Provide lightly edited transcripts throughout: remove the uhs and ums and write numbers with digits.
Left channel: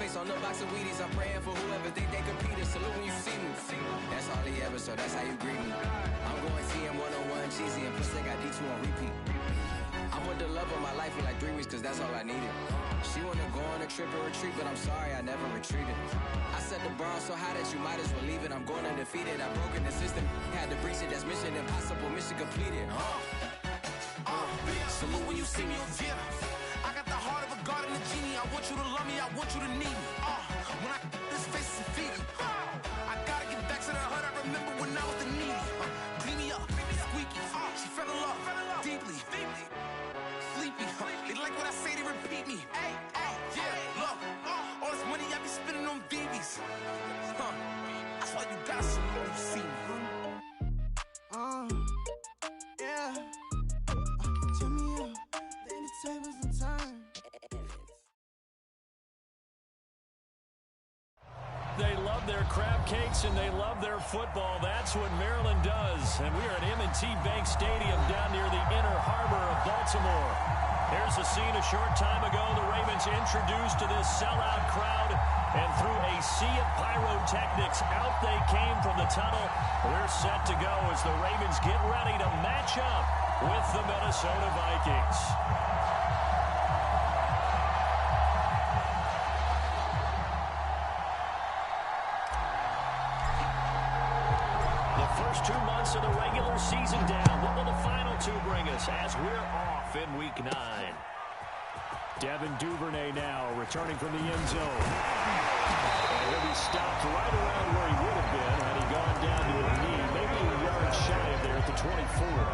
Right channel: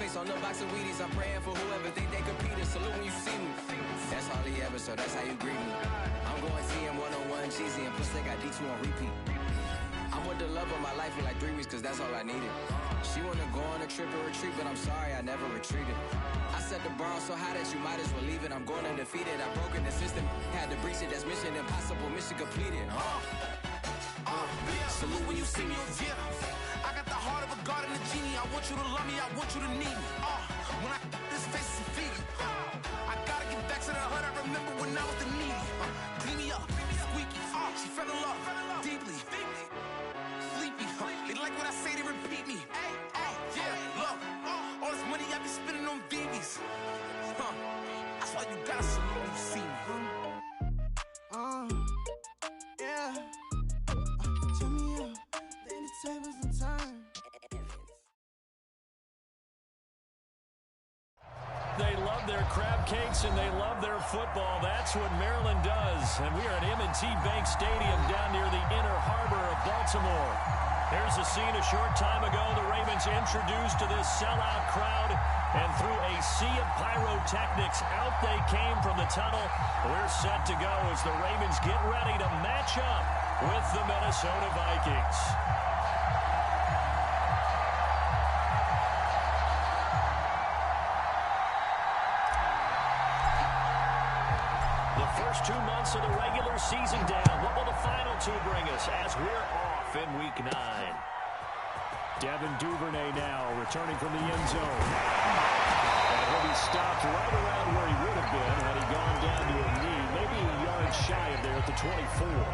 face on the box of Wheaties. I'm praying for whoever think they compete. Salute when you see me. That's all he ever, so that's how you greet me. I'm going TM 101 cheesy, and plus they got D2 on repeat. I'm with the love of my life for like 3 weeks, cause that's all I needed. She wanna go on a trip and retreat, but I'm sorry, I never retreated. I set the bar so high that you might as well leave it. I'm going undefeated, I've broken the system. Had to breach it, that's mission impossible, mission completed. Salute when you see me, yeah. I got the heart of a god and a genie. I want you to love me, I want you to need me. When I this face is Fiji. I gotta get back to the hood. I remember when I was the needy. Clean me up, squeaky. She fell in love deeply. Sleepy. They like what I say, they repeat me. Yeah, look. All this money I be spending on BBs. That's why you gotta salute when you see me. Yeah. Turn me up, then the tables and turn. They love their crab cakes and they love their football. That's what Maryland does. And we are at M&T Bank Stadium down near the inner harbor of Baltimore. Here's a scene a short time ago. The Ravens introduced to this sellout crowd. And through a sea of pyrotechnics, out they came from the tunnel. We're set to go as the Ravens get ready to match up with the Minnesota Vikings. The first 2 months of the regular season down. What will the final 2 bring us as we're off in Week 9? Devin Duvernay now returning from the end zone. And he'll be stopped right around where he would have been had he gone down to a knee, maybe a yard shy of there at the 24.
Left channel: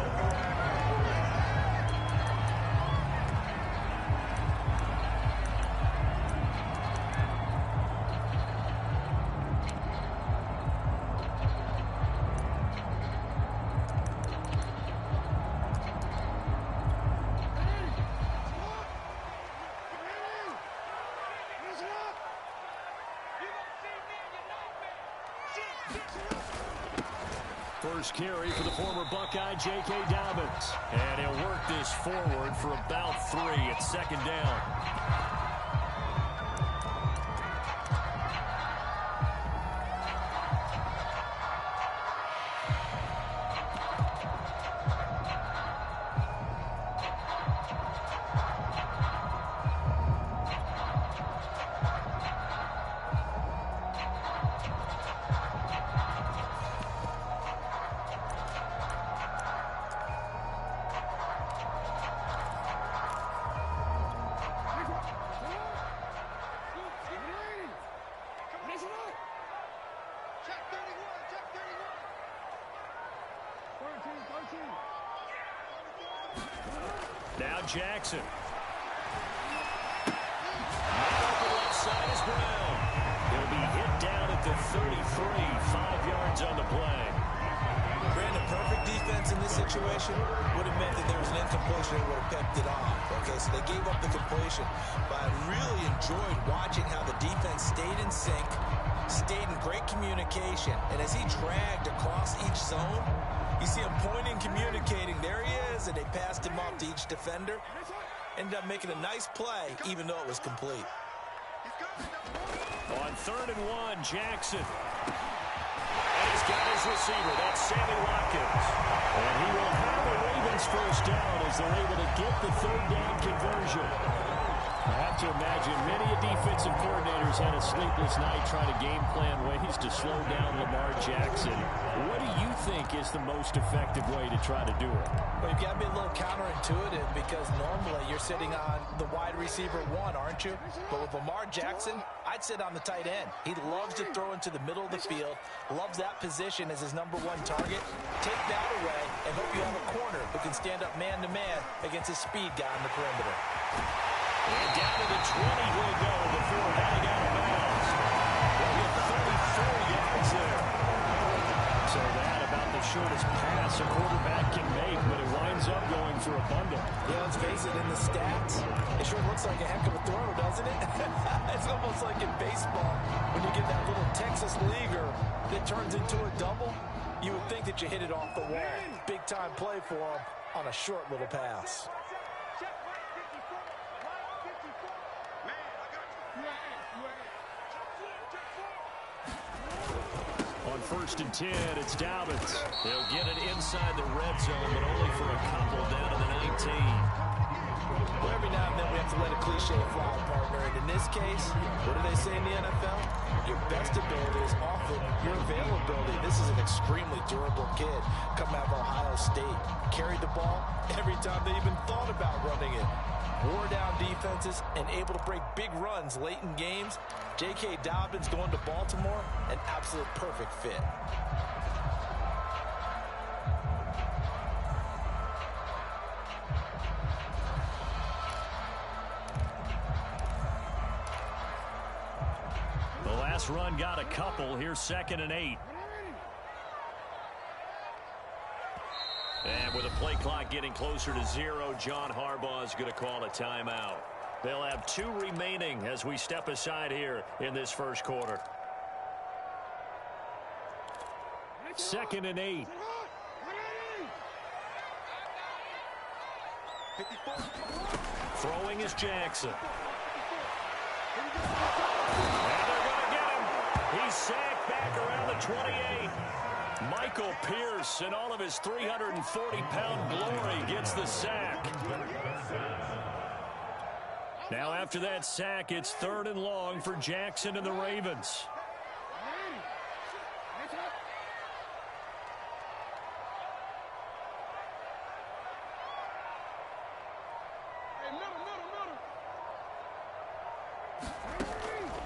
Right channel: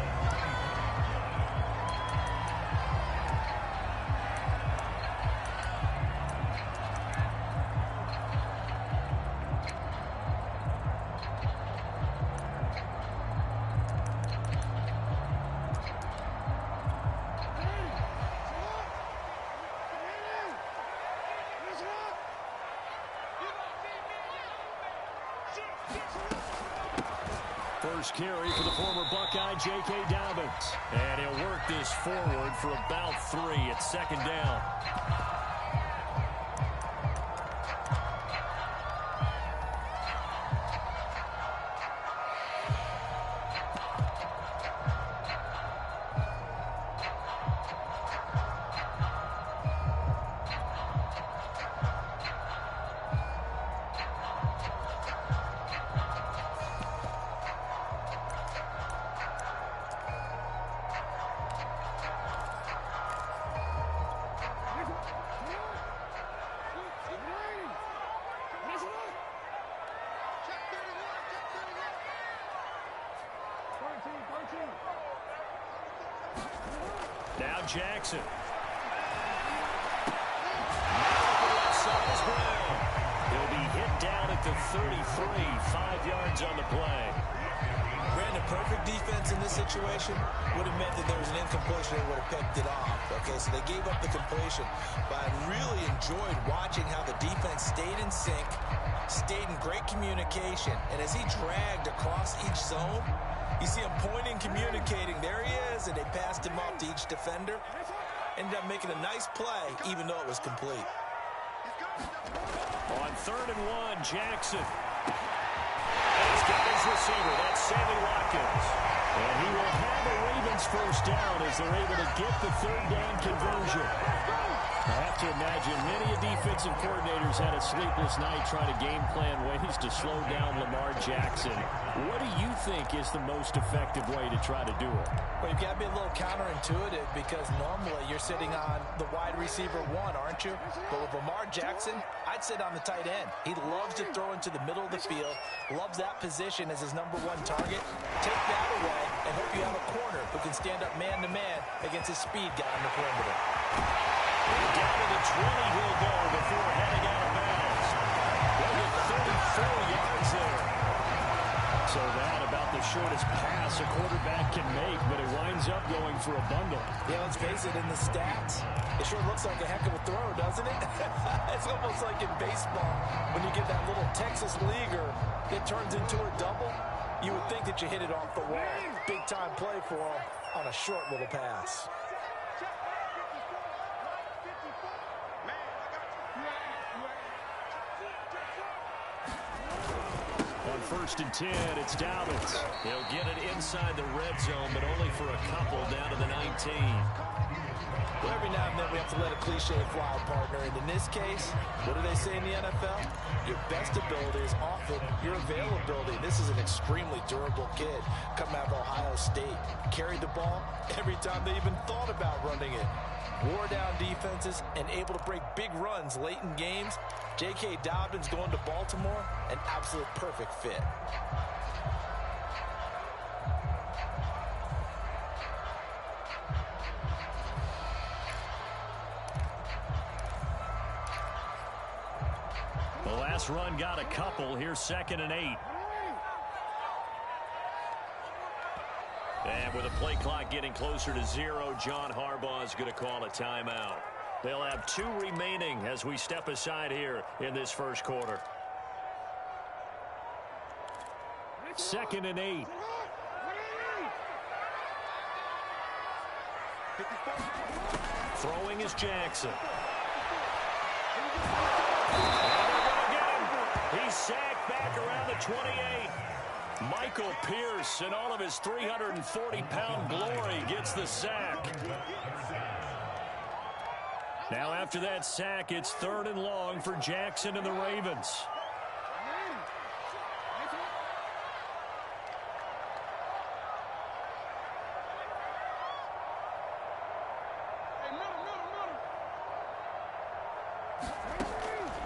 First carry for the former Buckeye, J.K. Dobbins. And he'll work this forward for about 3 at second down. Now Jackson. Now the left side is Brown. He'll be hit down at the 33, 5 yards on the play. Brandon, perfect defense in this situation would have meant that there was an incompletion and would have picked it off. Okay, so they gave up the completion. But I really enjoyed watching how the defense stayed in sync, stayed in great communication. And as he dragged across each zone, you see him pointing, communicating. There he is, and they passed him off to each defender. Ended up making a nice play, even though it was complete. On 3rd and 1, Jackson. And he's got his receiver. That's Sammy Watkins. And he will have a Ravens first down as they're able to get the 3rd down conversion. I have to imagine many defensive coordinators had a sleepless night trying to game plan ways to slow down Lamar Jackson. What do you think is the most effective way to try to do it? Well, you've got to be a little counterintuitive because normally you're sitting on the wide receiver 1, aren't you? But with Lamar Jackson, I'd sit on the tight end. He loves to throw into the middle of the field, loves that position as his #1 target. Take that away and hope you have a corner who can stand up man-to-man against his speed guy on the perimeter. And down to the 20 he'll go before heading out of bounds. They'll get 34 yards there. So that about the shortest pass a quarterback can make, but it winds up going for a bundle. Yeah, let's face it, in the stats, it sure looks like a heck of a throw, doesn't it? It's almost like in baseball, when you get that little Texas leaguer that turns into a double, you would think that you hit it off the wall. Big time play for him on a short little pass. On 1st and 10, it's Dobbins. He'll get it inside the red zone, but only for a couple down to the 19. Well, every now and then we have to let a cliche fly, partner. And in this case, what do they say in the NFL? Your best ability is often your availability. This is an extremely durable kid coming out of Ohio State. Carried the ball every time they even thought about running it. Wore down defenses and able to break big runs late in games. J.K. Dobbins going to Baltimore, an absolute perfect fit. The last run got a couple. Here's 2nd and 8. And with the play clock getting closer to 0, John Harbaugh is going to call a timeout. They'll have 2 remaining as we step aside here in this first quarter. 2nd and 8. Throwing is Jackson. And they're going to get him. He's sacked back around the 28. Michael Pierce, in all of his 340-pound glory, gets the sack. Now after that sack, it's 3rd and long for Jackson and the Ravens.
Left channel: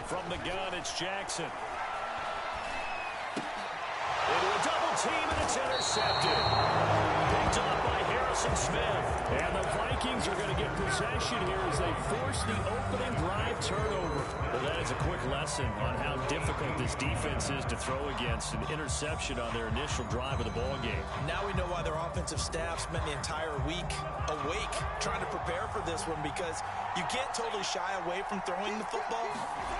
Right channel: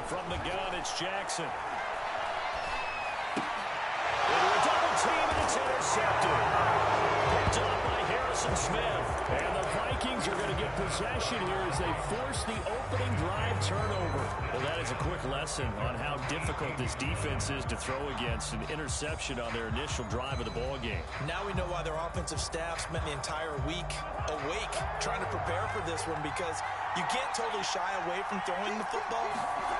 From the gun, it's Jackson. Into a double team, and it's intercepted. Picked up by Harrison Smith. And the Vikings are going to get possession here as they force the opening drive turnover. Well, that is a quick lesson on how difficult this defense is to throw against. An interception on their initial drive of the ball game. Now we know why their offensive staff spent the entire week awake trying to prepare for this one, because you can't totally shy away from throwing the football,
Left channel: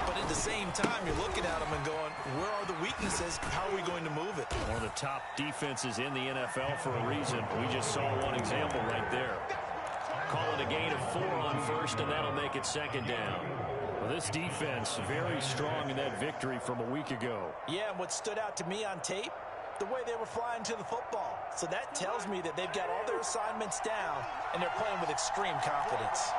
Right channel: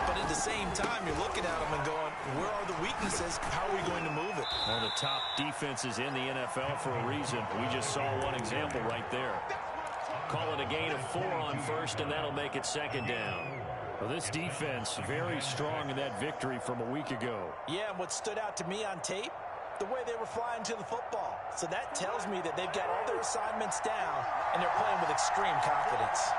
but at the same time, you're looking at them and going, where are the weaknesses? How are we going to move it? One of the top defenses in the NFL for a reason. We just saw one example right there. Call it a gain of 4 on 1st, and that'll make it 2nd down. Well, this defense very strong in that victory from a week ago. Yeah, and what stood out to me on tape, the way they were flying to the football. So that tells me that they've got all their assignments down, and they're playing with extreme confidence.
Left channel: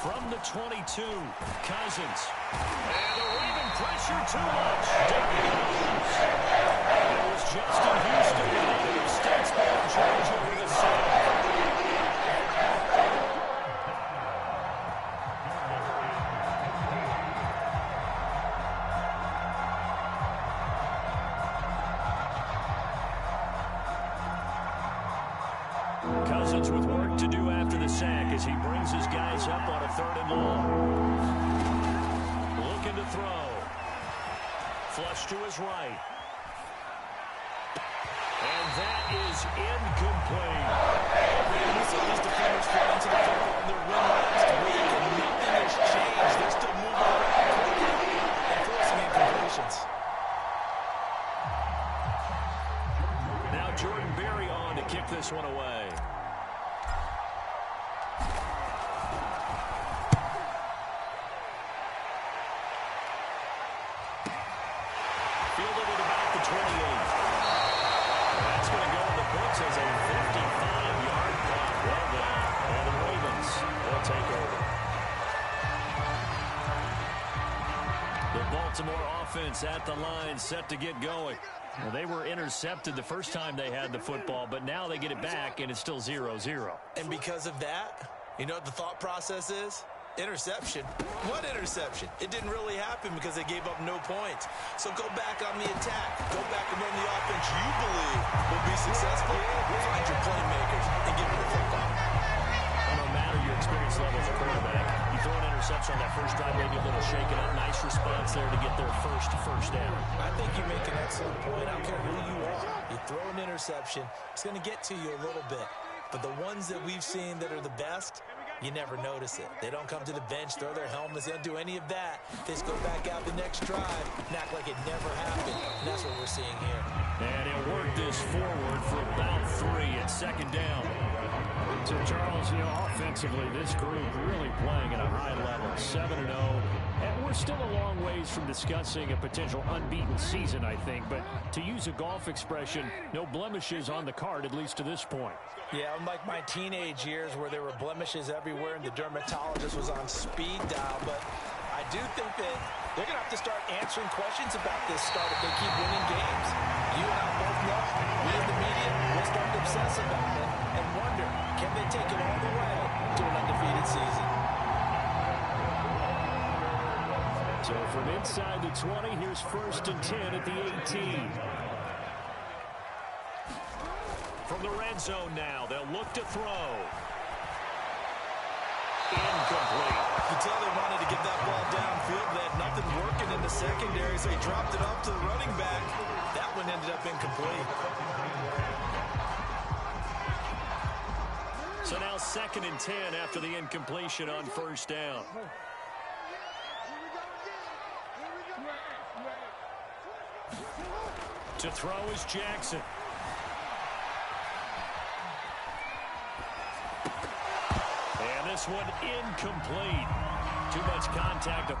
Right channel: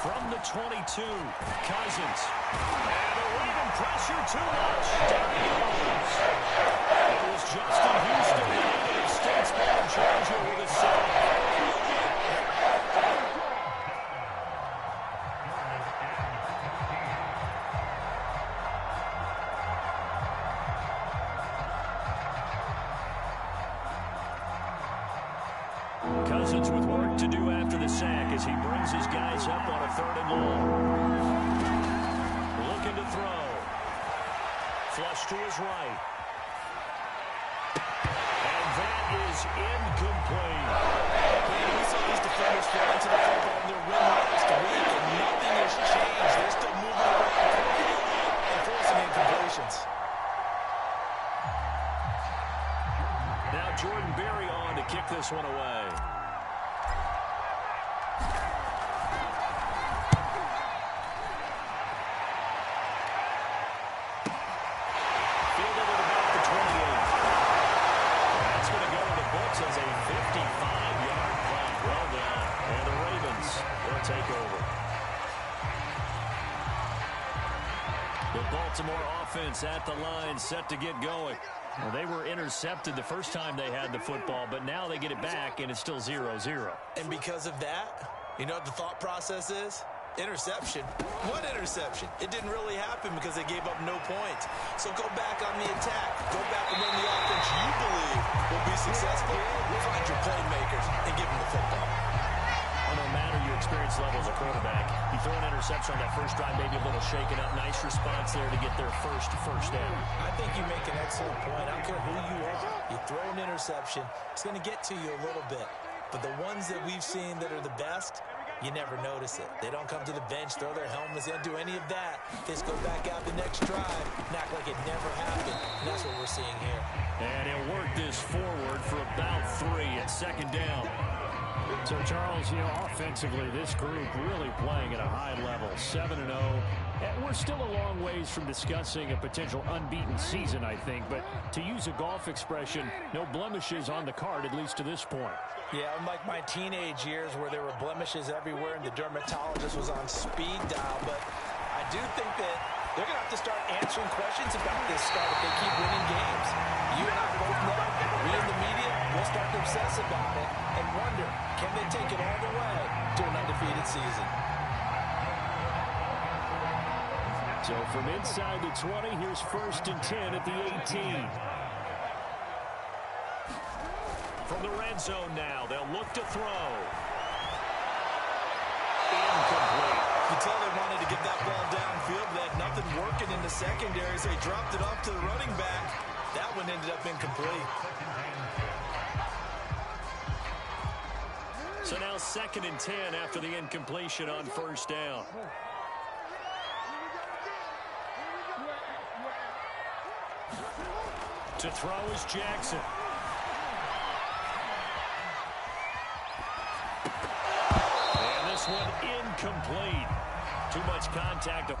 From the 22, Cousins. And the Raven pressure too much. Down he goes. It was Justin Houston, the native of Statesboro, Georgia, with a sack. Cousins with work to do after the sack as he brings his guys up on a 3rd and long. Looking to throw. Flush to his right. And that is incomplete. Man, we saw these defenders fall into the football in their win last week, and nothing has changed. They're still moving around quickly and forcing incompletions. Now Jordan Berry on to kick this one away. Fielded at about the 28. That's going to go in the books as a 55-yard punt. Well done. And the Ravens, they'll take over. The Baltimore offense at the line, set to get going. Well, they were intercepted the first time they had the football, but now they get it back, and it's still 0-0. And because of that, you know what the thought process is? Interception. What interception? It didn't really happen because they gave up no points. So go back on the attack. Go back and run the offense you believe will be successful. Find your playmakers and give them the football. Well, no matter your experience level as a quarterback, you throw an interception on that first drive, maybe a little shaken up. Nice response there to get their first down. I think you make an excellent point. I don't care who you are. You throw an interception, it's going to get to you a little bit. But the ones that we've seen that are the best, you never notice it. They don't come to the bench, throw their helmets, they don't do any of that. They just go back out the next drive and act like it never happened. And that's what we're seeing here. And he'll work this forward for about 3 at 2nd down. So, Charles, offensively, this group really playing at a high level, 7-0. And we're still a long ways from discussing a potential unbeaten season, I think. But to use a golf expression, no blemishes on the card, at least to this point. Yeah, unlike my teenage years where there were blemishes everywhere and the dermatologist was on speed dial. But I do think that they're going to have to start answering questions about this start if they keep winning games. You and I both know, we in the media, we'll start to obsess about it and wonder, can they take it all the way to an undefeated season? So from inside the 20, here's 1st and 10 at the 18. From the red zone now, they'll look to throw. Incomplete. You can tell they wanted to get that ball downfield. They had nothing working in the secondary, so he dropped it off to the running back. That one ended up incomplete. So now 2nd and 10 after the incompletion on 1st down. To throw is Jackson. And this one incomplete. Too much contact.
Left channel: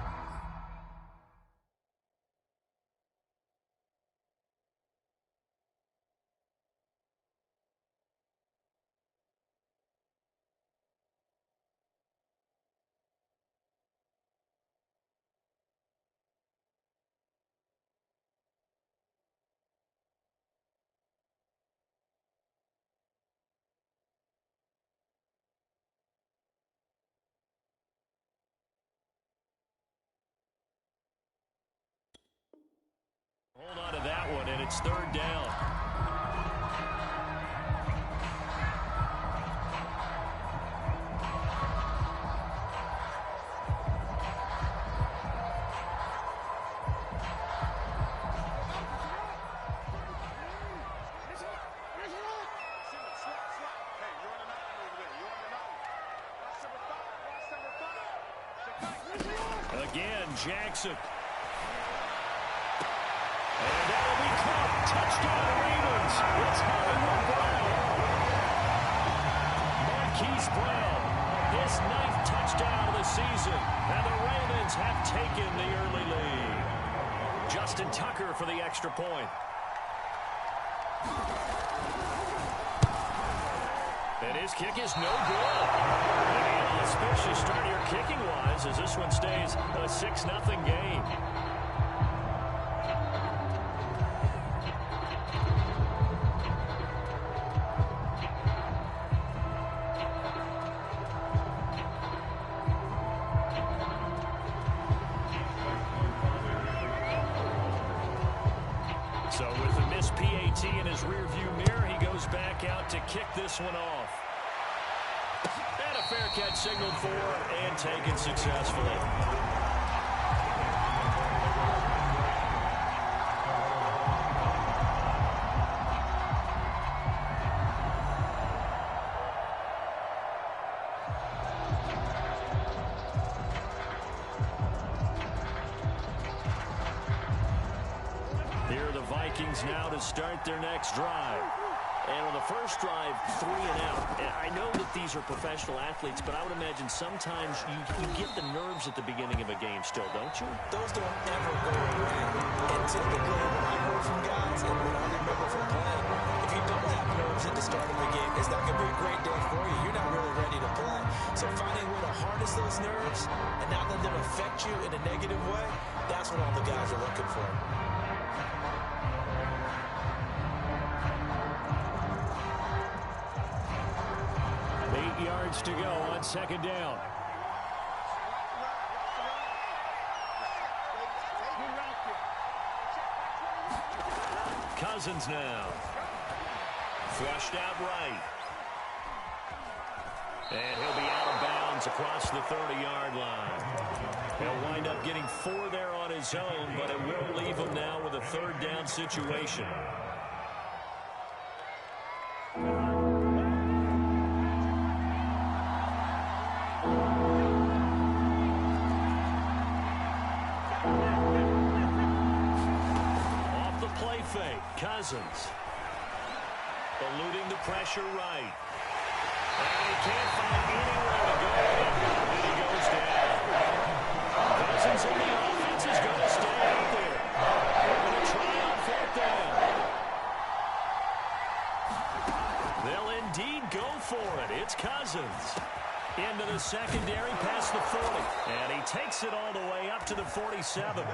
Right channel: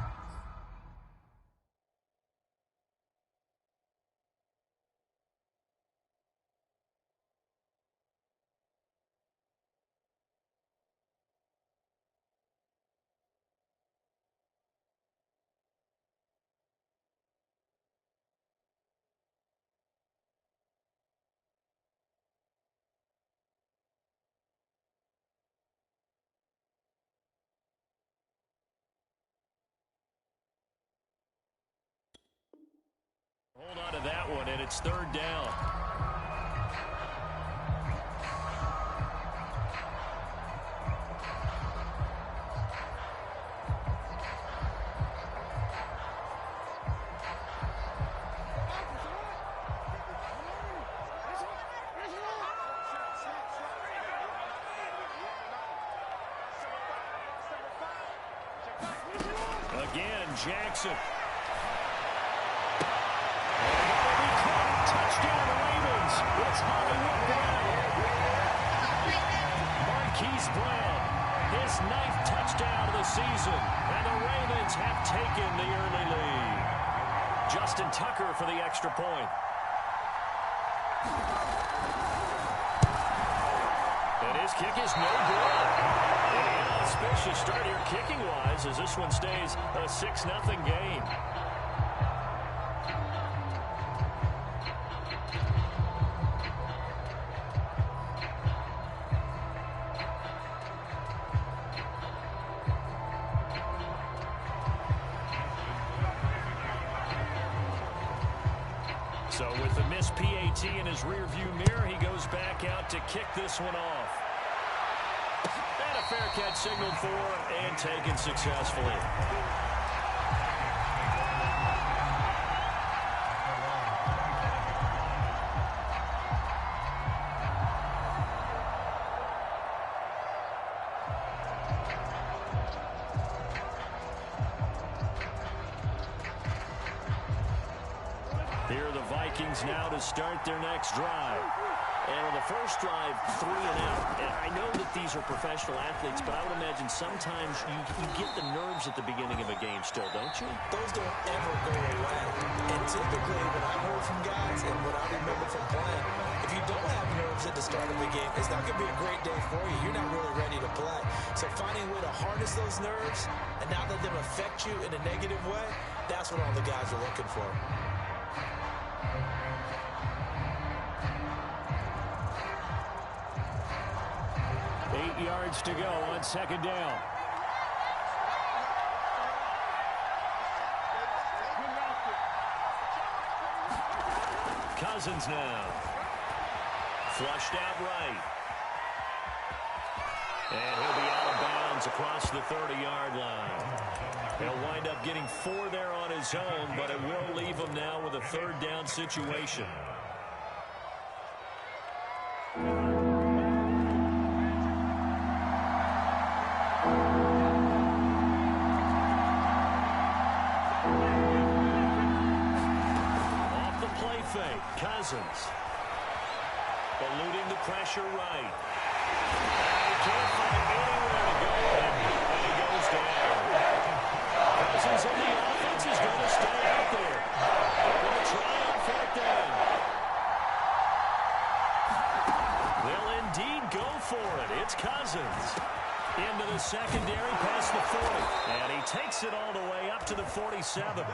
Hold on to that one, and it's 3rd down. Again, Jackson. And that'll be caught. Touchdown, Ravens. It's Hollywood Brown. Marquise Brown, his 9th touchdown of the season. And the Ravens have taken the early lead. Justin Tucker for the extra point. And his kick is no good. And an inauspicious start here kicking-wise as this one stays a 6-0 game. So with the missed PAT in his rearview mirror, he goes back out to kick this one off. And a fair catch signaled for and taken successfully. Here are the Vikings now to start their next drive. And on the first drive, 3 and out. And I know that these are professional athletes, but I would imagine sometimes you get the nerves at the beginning of a game still, don't you? Those don't ever go away. And typically, what I've heard from guys and what I remember from playing, if you don't have nerves at the start of a game, it's not going to be a great day for you. You're not really ready to play. So finding a way to harness those nerves and not let them affect you in a negative way, that's what all the guys are looking for. 8 yards to go on 2nd down. Cousins now. Flushed out right. And he'll be out of bounds across the 30-yard line. He'll wind up getting 4 there on his own, but it will leave him now with a 3rd down situation. Off the play fake, Cousins. Eluding the pressure right. can't find anywhere to go with it, and he goes down. Cousins in the offense is going to stay out there. They're going to try on fourth down. They'll indeed go for it. It's Cousins. Into the secondary past the 40. And he takes it all the way up to the 47.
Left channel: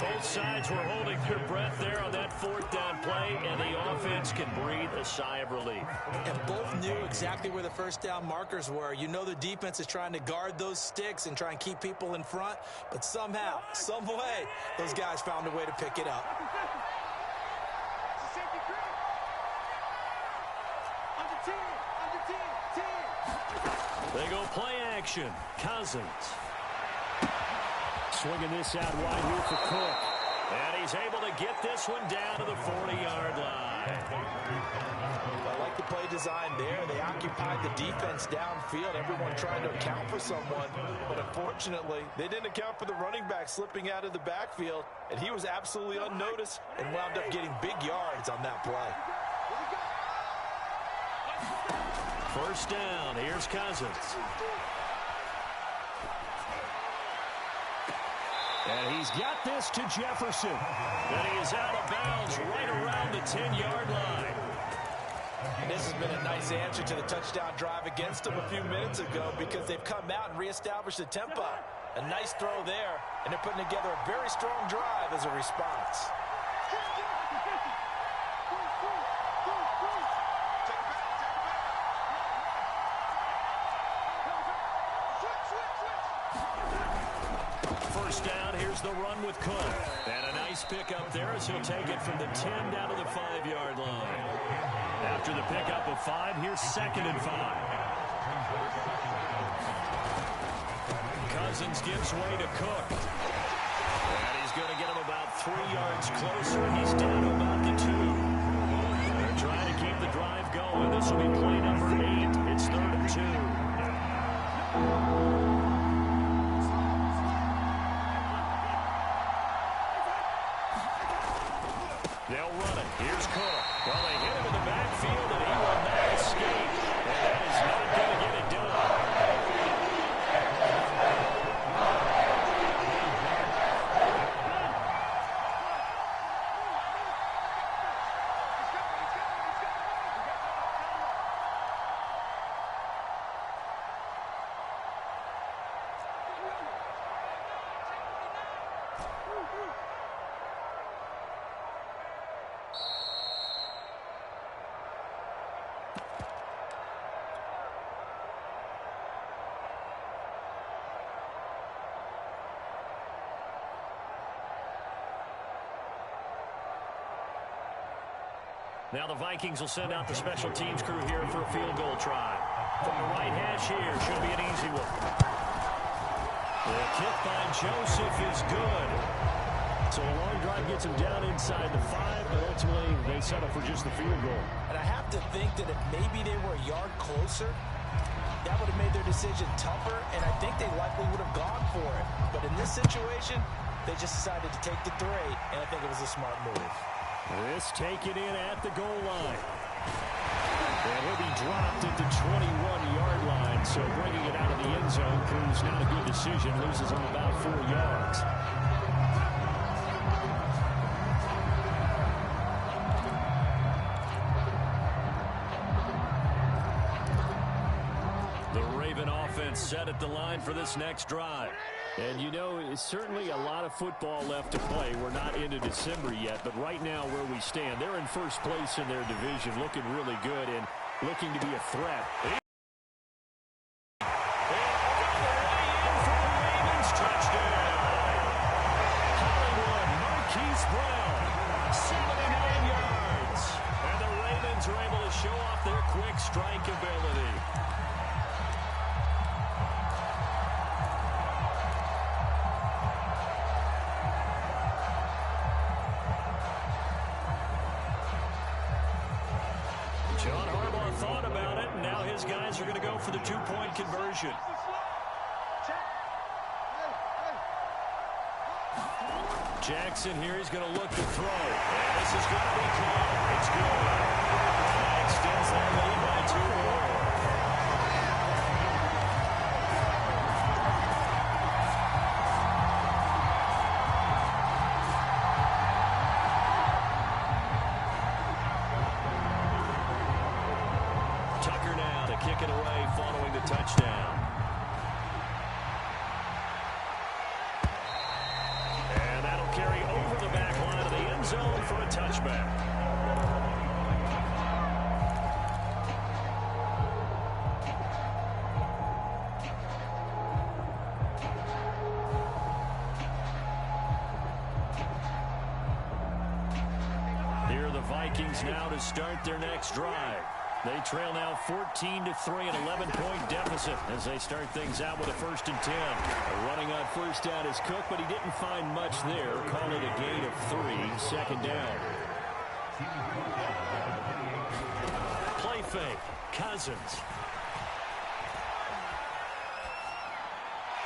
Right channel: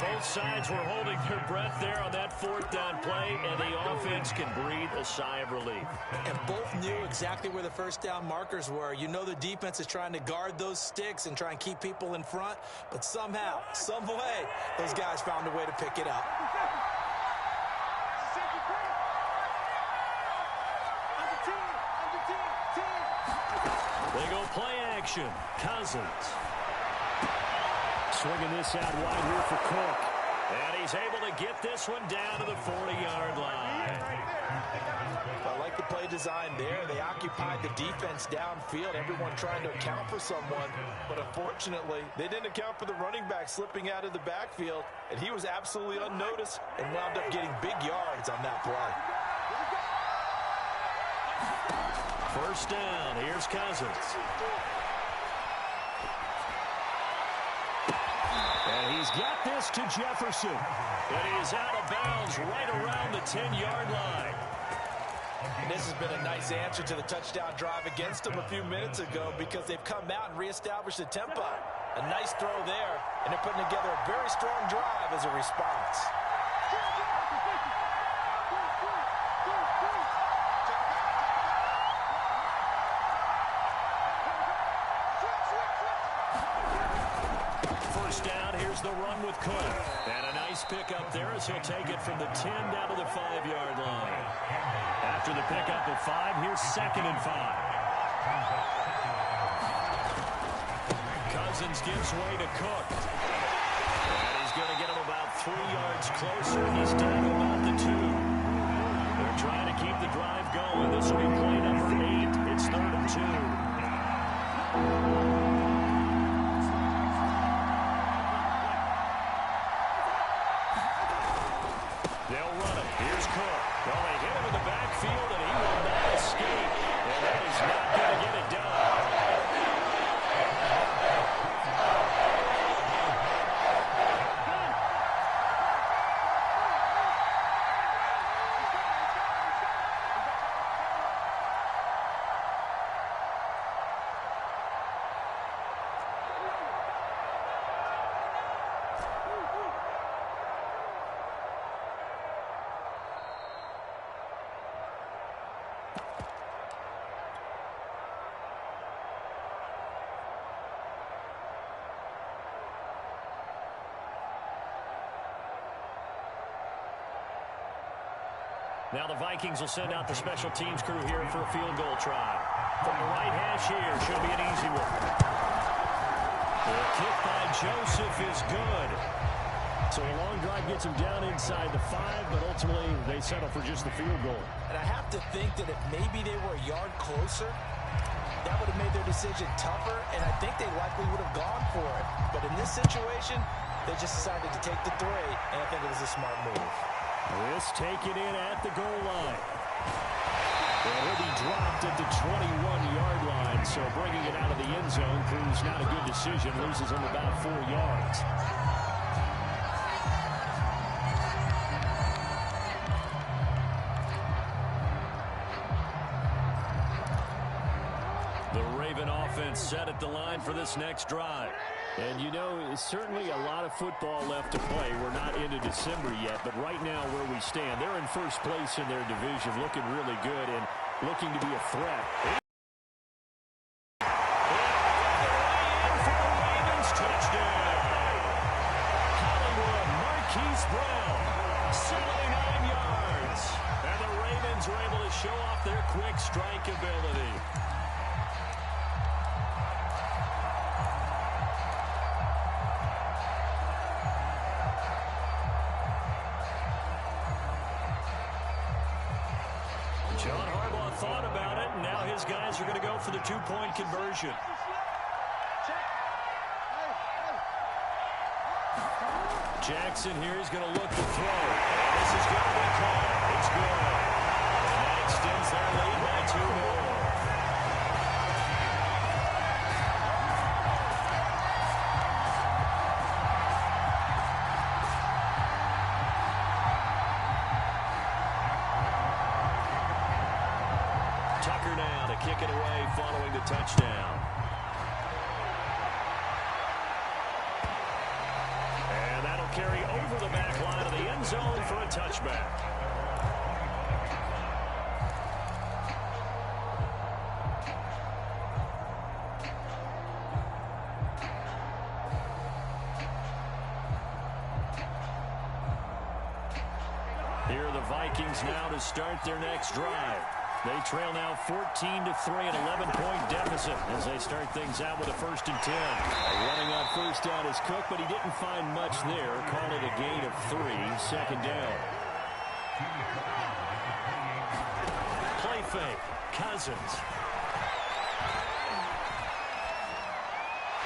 Both sides were holding their breath there on that fourth down play, and the offense can breathe a sigh of relief. And both knew exactly where the first down markers were. You know the defense is trying to guard those sticks and try and keep people in front, but somehow, some way, those guys found a way to pick it up. They go play action. Cousins. Swinging this out wide here for Cook. And he's able to get this one down to the 40-yard line. I like the play design there. They occupied the defense downfield, everyone trying to account for someone. But unfortunately, they didn't account for the running back slipping out of the backfield, and he was absolutely unnoticed and wound up getting big yards on that play. First down. Here's Cousins. And he's got this to Jefferson. And he is out of bounds right around the 10-yard line. And this has been a nice answer to the touchdown drive against them a few minutes ago because they've come out and reestablished the tempo. A nice throw there, and they're putting together a very strong drive as a response. First down, here's the run with Cook. And a nice pickup there as he'll take it from the 10 down to the 5-yard line. After the pickup of 5, here's 2nd and 5. Cousins gives way to Cook. And he's going to get him about 3 yards closer. He's down to about the 2. They're trying to keep the drive going. This will be play number 8. It's 3rd and 2. They'll run it. Here's Cook. Well, they hit him in the backfield, and he will not escape. And that is not going to get it done. Now the Vikings will send out the special teams crew here for a field goal try. From the right hash here, should be an easy one. The kick by Joseph is good. So a long drive gets them down inside the 5, but ultimately they settle for just the field goal. And I have to think that if maybe they were a yard closer, that would have made their decision tougher, and I think they likely would have gone for it. But in this situation, they just decided to take the 3, and I think it was a smart move. This taken in at the goal line. And he'll be dropped at the 21-yard line, so bringing it out of the end zone proves not a good decision. Loses him about 4 yards. The Raven offense set at the line for this next drive. And, you know, it's certainly a lot of football left to play. We're not into December yet, but right now where we stand, they're in first place in their division, looking really good and looking to be a threat. And all the way in for the Ravens touchdown. Hollywood Marquise Brown, 79 yards. And the Ravens are able to show off their quick strike ability. John Harbaugh thought about it, and now his guys are going to go for the 2-point conversion. Jackson here is going to look to throw. And this is going to be caught. It's good. And that extends their lead by 2 more. to kick it away following the touchdown. And that'll carry over the back line of the end zone for a touchback. Here are the Vikings now to start their next drive. They trail now 14-3, an 11-point deficit as they start things out with a 1st and 10. Running on first down is Cook, but he didn't find much there. Call it a gain of 3, 2nd down. Play fake, Cousins.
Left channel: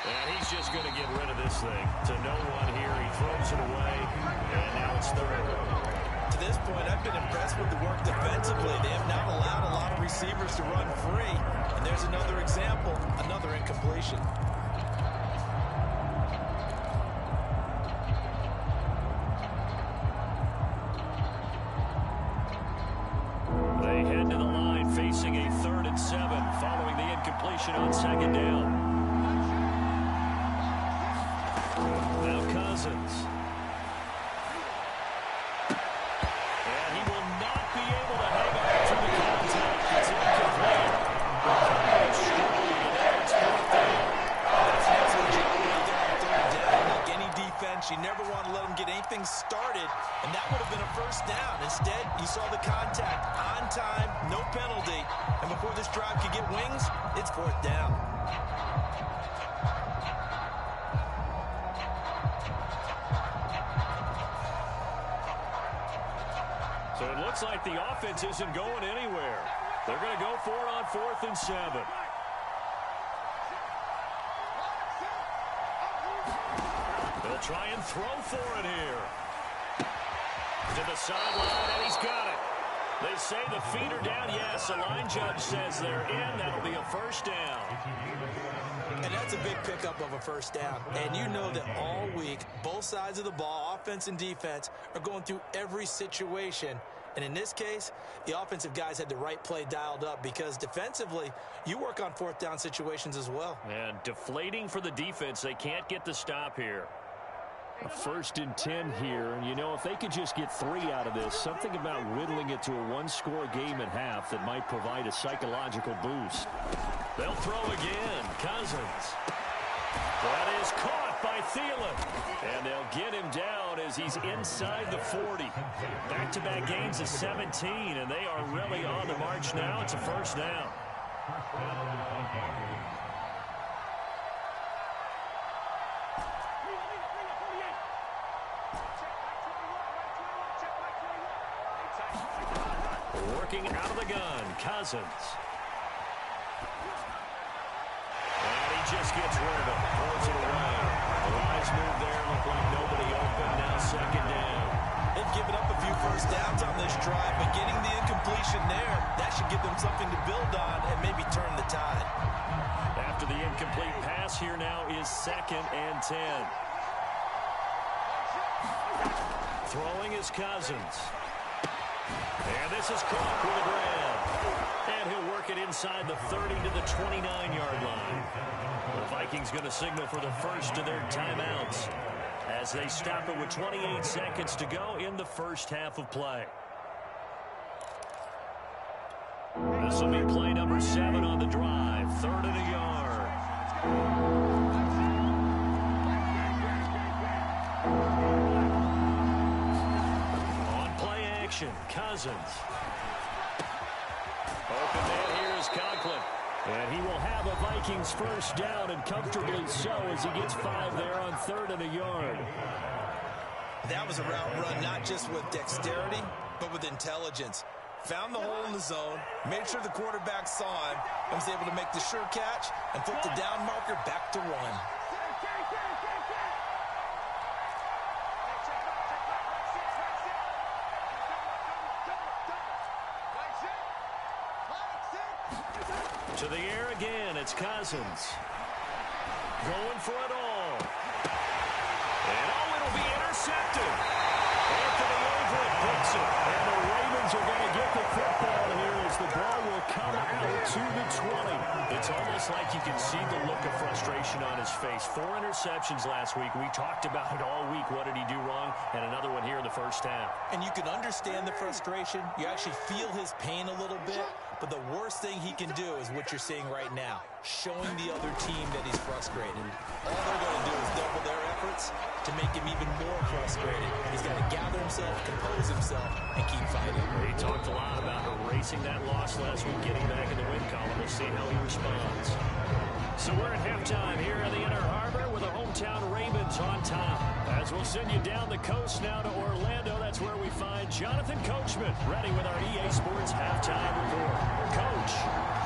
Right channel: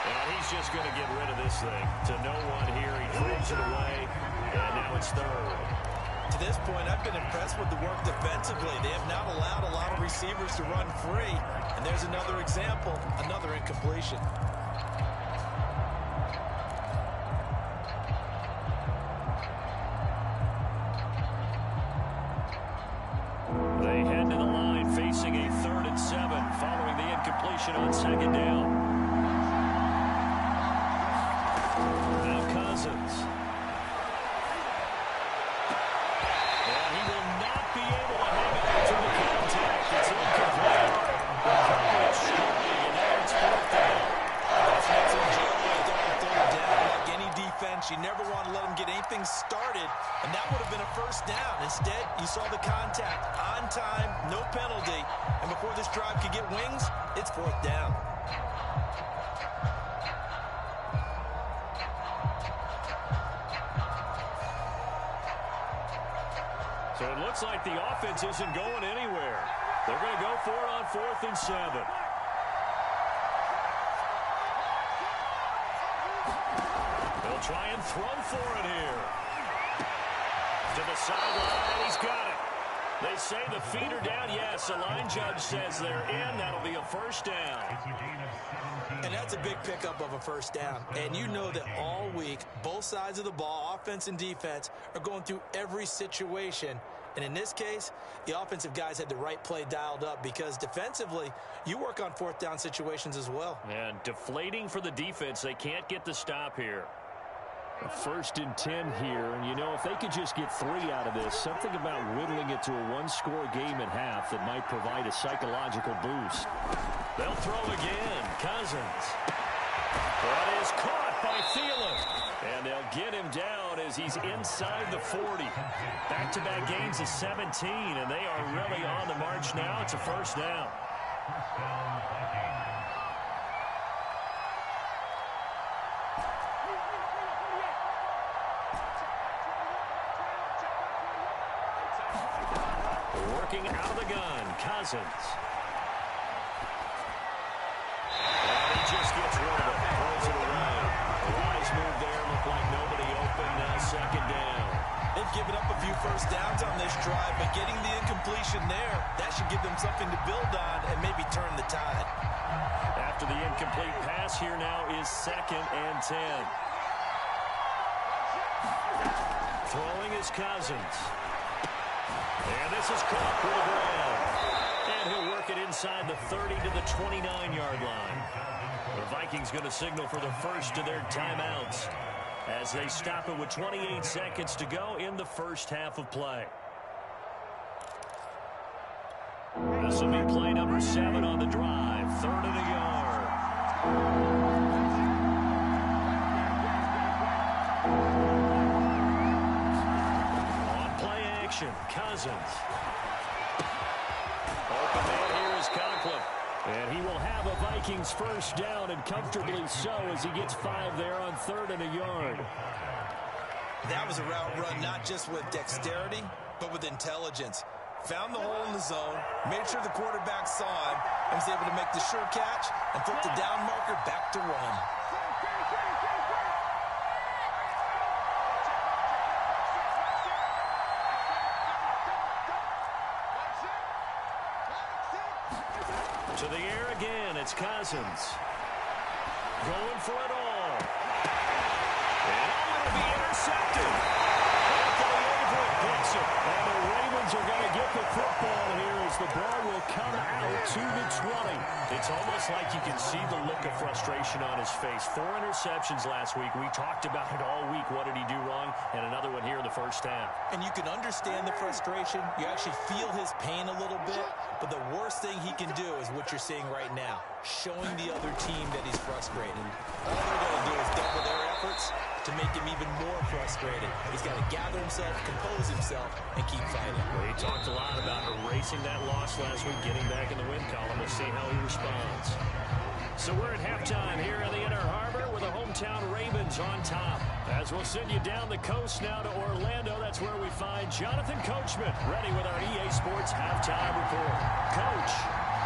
And he's just going to get rid of this thing to no one here. He throws it away, and now it's 3rd. To this point, I've been impressed with the work defensively. They have not allowed a lot of receivers to run free. And there's another example, another incompletion. They head to the line facing a 3rd and 7 following the incompletion on 2nd down. Now Cousins. You never want to let them get anything started, and that would have been a 1st down. Instead, you saw the contact on time, no penalty, and before this drive could get wings, it's 4th down. So it looks like the offense isn't going anywhere. They're going to go for it on 4th and 7. They'll try and throw for it here. To the sideline, and he's got it. They say the feet are down. Yes, the line judge says they're in. That'll be a 1st down. And that's a big pickup of a 1st down. And you know that all week, both sides of the ball, offense and defense, are going through every situation. And in this case, the offensive guys had the right play dialed up because defensively, you work on 4th down situations as well. And deflating for the defense. They can't get the stop here. A 1st and 10 here, and you know, if they could just get 3 out of this, something about whittling it to a 1-score game at half that might provide a psychological boost. They'll throw again. Cousins. That is caught by Thielen. And they'll get him down as he's inside the 40. Back-to-back gains of 17, and they are really on the march now. It's a 1st down. Working out of the gun, Cousins. And he just gets rid of it, throws it away. A wise move there, looked like nobody open, now 2nd down. They've given up a few 1st downs on this drive, but getting the incompletion there, that should give them something to build on and maybe turn the tide. After the incomplete pass, here now is 2nd and 10. Throwing is Cousins. And this is caught with a grab. And he'll work it inside the 30 to the 29-yard line. The Vikings going to signal for the first of their timeouts as they stop it with 28 seconds to go in the first half of play. This will be play number 7 on the drive. 3rd and a yard. On play action, Cousins. Open man here is Conklin. And he will have a Vikings first down, and comfortably so, as he gets 5 there on 3rd and a yard. That was a route run not just with dexterity, but with intelligence. Found the hole in the zone, made sure the quarterback saw him, and was able to make the sure catch and flip the down marker back to 1. To the air again, it's Cousins. Going for it all. And it'll be intercepted. Anthony Averett picks it. And the Ravens are going to get the football here as the ball will come out to the 20. It's almost like you can see the look of frustration on his face. 4 interceptions last week. We talked about it all week. What did he do wrong? And another one here in the first half. And you can understand the frustration. You actually feel his pain a little bit. But the worst thing he can do is what you're seeing right now, showing the other team that he's frustrated. All they're going to do is double their efforts to make him even more frustrated. He's got to gather himself, compose himself, and keep fighting. Well, he talked a lot about erasing that loss last week, getting back in the win column. We'll see how he responds. So we're at halftime here in the Inner Harbor with the hometown Ravens on top. As we'll send you down the coast now to Orlando, that's where we find Jonathan Coachman ready with our EA Sports halftime report. Coach,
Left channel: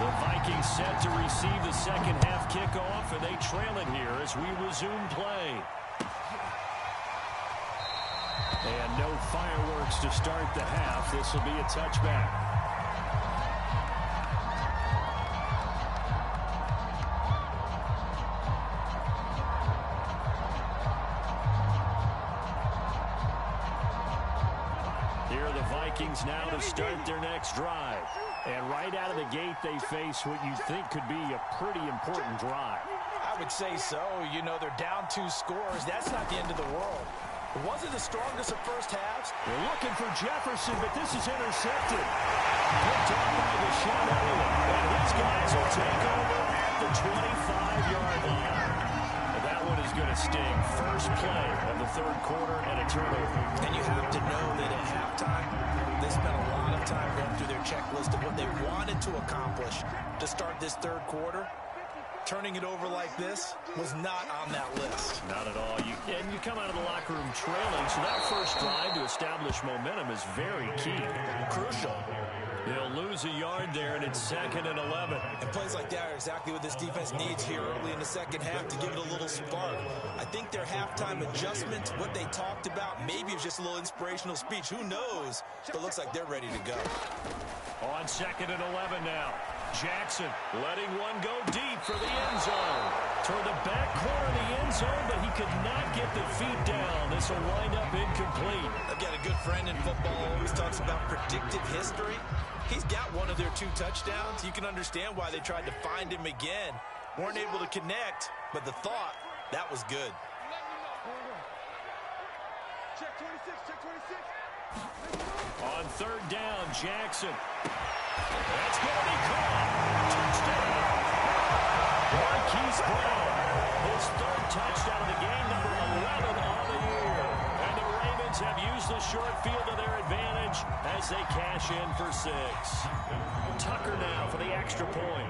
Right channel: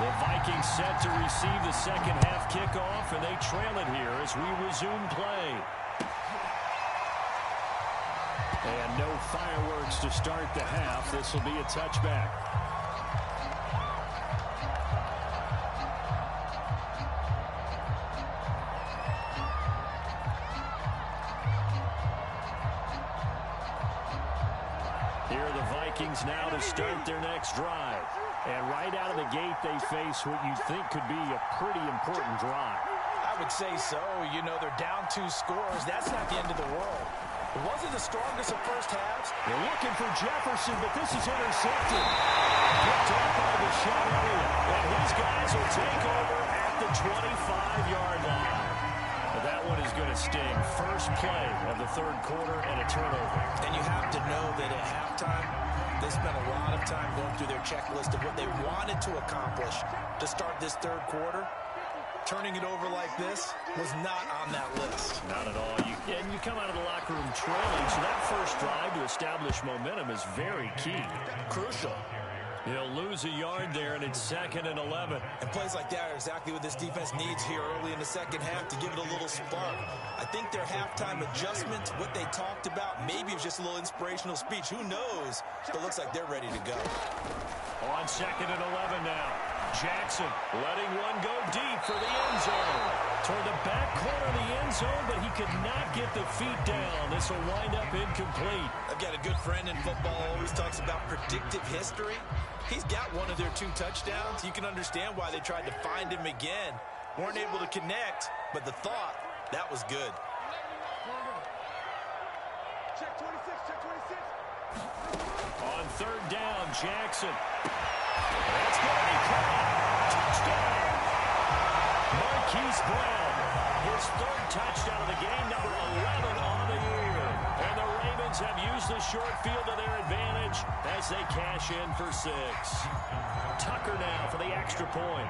the Vikings set to receive the second half kickoff, and they trail it here as we resume play. And no fireworks to start the half. This will be a touchback. Here are the Vikings now to start their next drive. And right out of the gate, they face what you think could be a pretty important drive. I would say so. You know, they're down 2 scores. That's not the end of the world. It wasn't the strongest of first halves. They're looking for Jefferson, but this is intercepted. Picked off by Deshaun Elliott. And his guys will take over at the 25-yard line. And that one is going to sting. First play of the third quarter and a turnover. And you have to know that at halftime, they spent a lot of time going through their checklist of what they wanted to accomplish to start this third quarter. Turning it over like this was not on that list. Not at all. And you come out of the locker room trailing, so that first drive to establish momentum is very key. Crucial. He'll lose a yard there, and it's 2nd and 11. And plays like that are exactly what this defense needs here early in the second half to give it a little spark. I think their halftime adjustments, what they talked about, maybe it was just a little inspirational speech. Who knows? But it looks like they're ready to go. On 2nd and 11 now. Jackson letting one go deep for the end zone. Toward the back corner of the end zone, but he could not get the feet down. This will wind up incomplete. I've got a good friend in football, always talks about predictive history. He's got one of their 2 touchdowns. You can understand why they tried to find him again. Weren't able to connect, but the thought, that was good. Check 26, check 26. On 3rd down, Jackson. That's going to be caught. Touchdown. Marquise Brown. His 3rd touchdown of the game, number 11 on the year. And the Ravens have used the short field to their advantage as they cash in for 6. Tucker now for the extra point.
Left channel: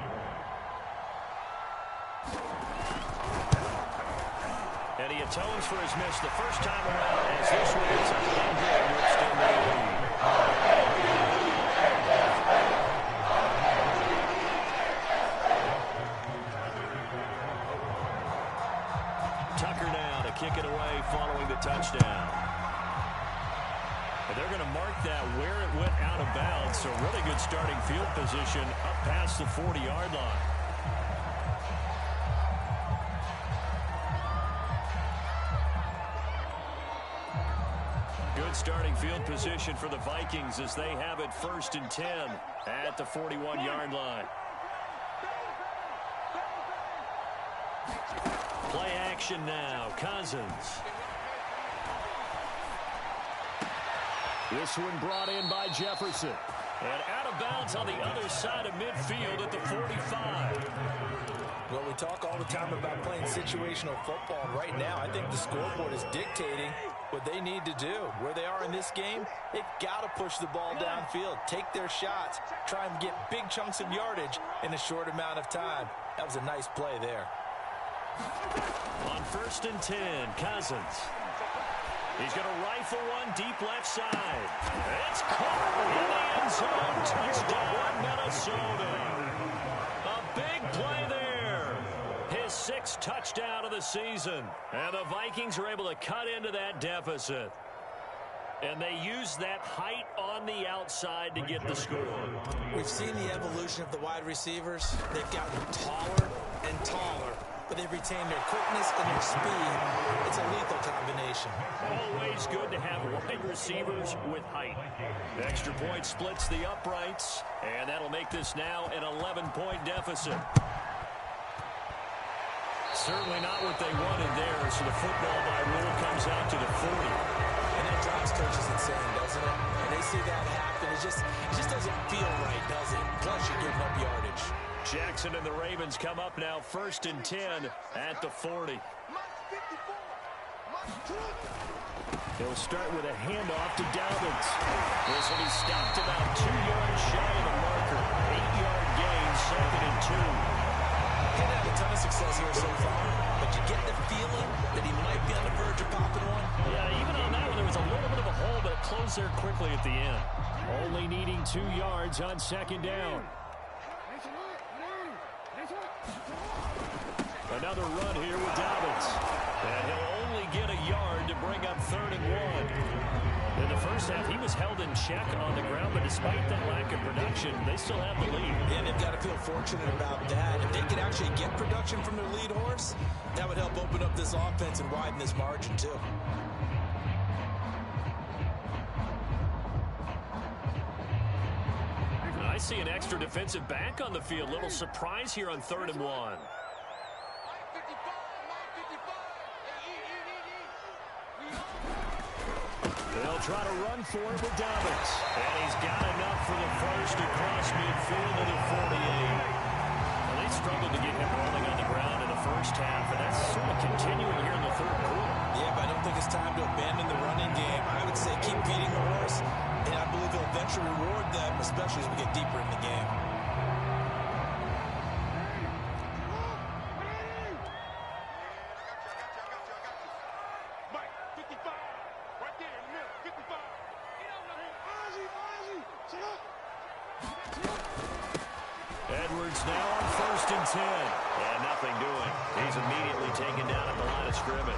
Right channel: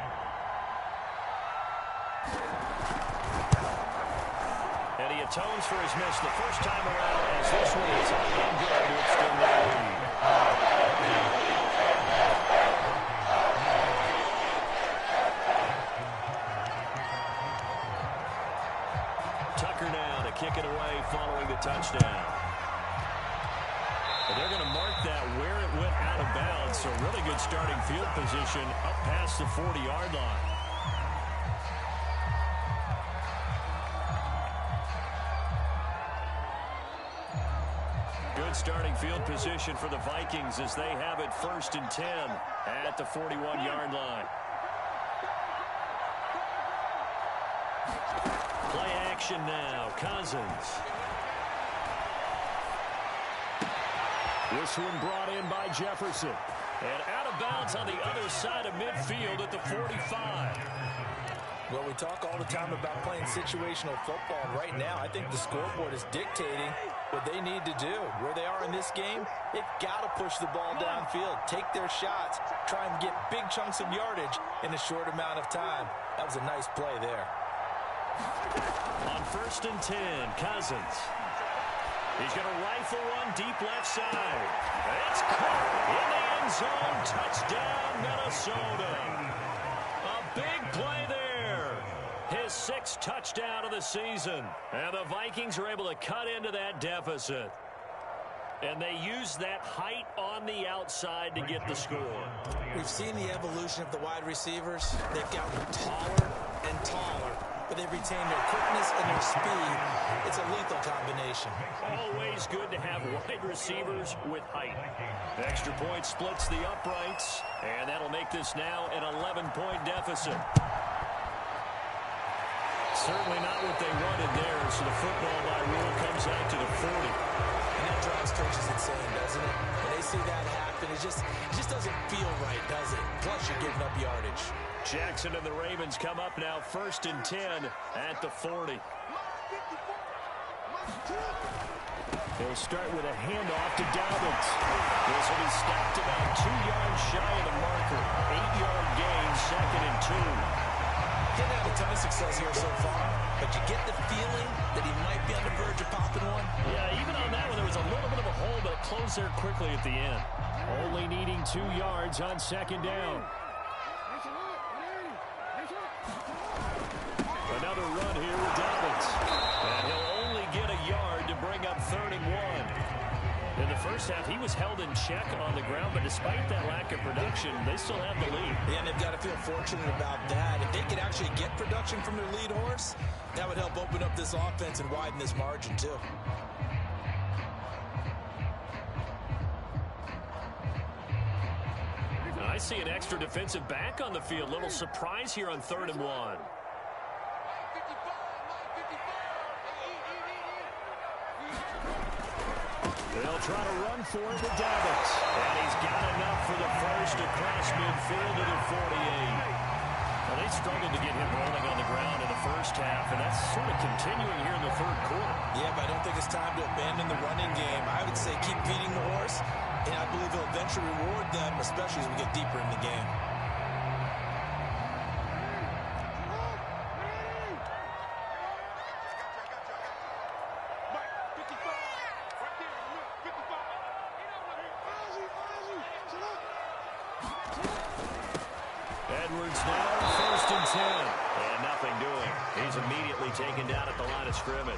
And he atones for his miss the first time around as this one is up and good to extend their lead. Tucker now to kick it away following the touchdown. But they're going to mark that where it went out of bounds, so really good starting field position up past the 40-yard line. Good starting field position for the Vikings as they have it 1st and 10 at the 41-yard line. Play action now. Cousins. This one brought in by Jefferson. And out of bounds on the other side of midfield at the 45. Well, we talk all the time about playing situational football. And right now, I think the scoreboard is dictating what they need to do. Where they are in this game, they've got to push the ball downfield, take their shots, try and get big chunks of yardage in a short amount of time. That was a nice play there. On 1st and 10, Cousins. He's going to rifle one deep left side. It's caught in the end zone. Touchdown, Minnesota. A big play there. His 6th touchdown of the season. And the Vikings are able to cut into that deficit. And they use that height on the outside to get the score. We've seen the evolution of the wide receivers. They've gotten taller and taller. But but they've retained their quickness and their speed. It's a lethal combination. Always good to have wide receivers with height. The extra point splits the uprights, and that'll make this now an 11-point deficit. Certainly not what they wanted there, so the football by rule comes out to the 40. And that drives coaches insane, doesn't it? When they see that happen, it just doesn't feel right, does it? Plus, you're giving up yardage. Jackson and the Ravens come up now 1st and 10 at the 40. He'll start with a handoff to Dobbins. This will be stopped about 2 yards shy of the marker. 8-yard gain, 2nd and 2. He's had a ton of success here so far, but you get the feeling that he might be on the verge of popping one. Yeah, even on that one, there was a little bit of a hole, but it closed there quickly at the end. Only needing 2 yards on 2nd down. Another run here with Dobbins. And he'll only get a yard to bring up 3rd and 1. In the first half, he was held in check on the ground, but despite that lack of production, they still have the lead. Yeah, and they've got to feel fortunate about that. If they could actually get production from their lead horse, that would help open up this offense and widen this margin, too. I see an extra defensive back on the field. Little surprise here on 3rd and 1. They'll try to run for it with Dobbins. And he's got enough for the first across midfield to the 48. Well, they struggled to get him rolling on the ground in the first half, and that's sort of continuing here in the 3rd quarter. Yeah, but I don't think it's time to abandon the running game. I would say keep feeding the horse, and I believe he'll eventually reward them, especially as we get deeper in the game. Edwards now on 1st and 10. And nothing doing. He's immediately taken down at the line of scrimmage.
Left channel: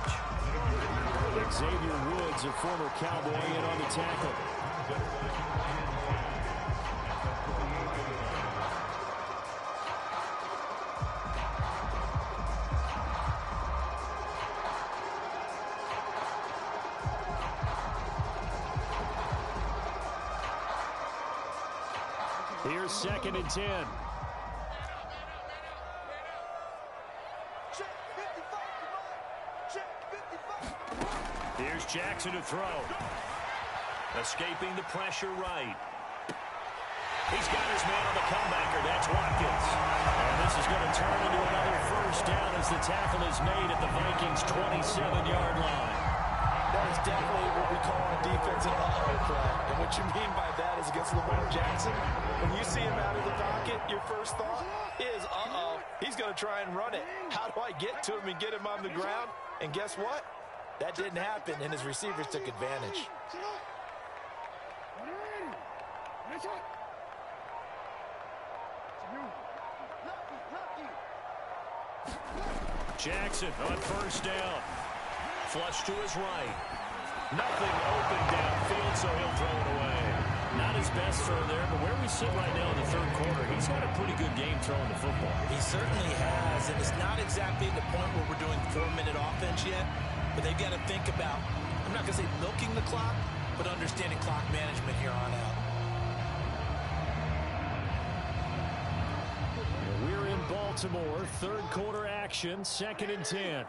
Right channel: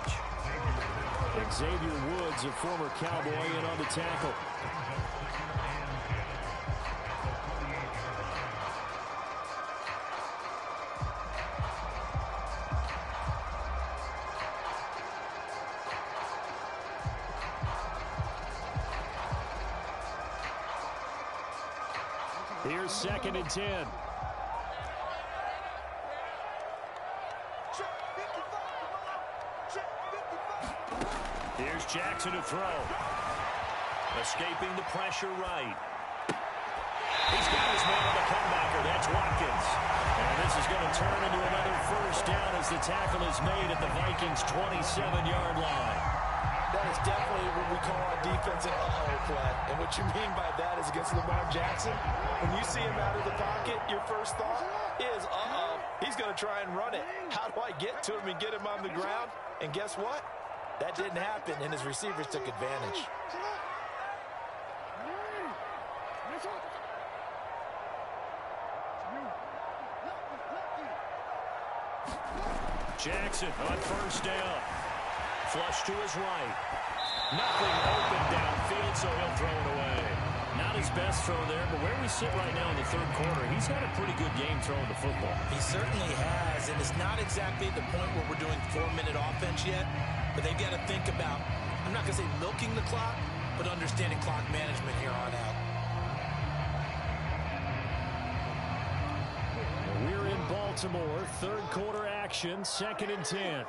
Xavier Woods, a former Cowboy, in on the tackle. Here's 2nd and 10. Here's Jackson to throw. Escaping the pressure right. He's got his man on the comebacker. That's Watkins. And this is going to turn into another 1st down as the tackle is made at the Vikings' 27-yard line. That is definitely what we call on defense an uh-oh play. And what you mean by that is against Lamar Jackson, when you see him out of the pocket, your first thought is, uh-oh, he's going to try and run it. How do I get to him and get him on the ground? And guess what? That didn't happen, and his receivers took advantage. Jackson on 1st down. Flush to his right. Nothing open downfield, so he'll throw it away. Not his best throw there, but where we sit right now in the 3rd quarter, he's had a pretty good game throwing the football. He certainly has, and it's not exactly the point where we're doing 4-minute offense yet, but they've got to think about, I'm not going to say milking the clock, but understanding clock management here on out. We're in Baltimore, 3rd quarter action, 2nd and 10.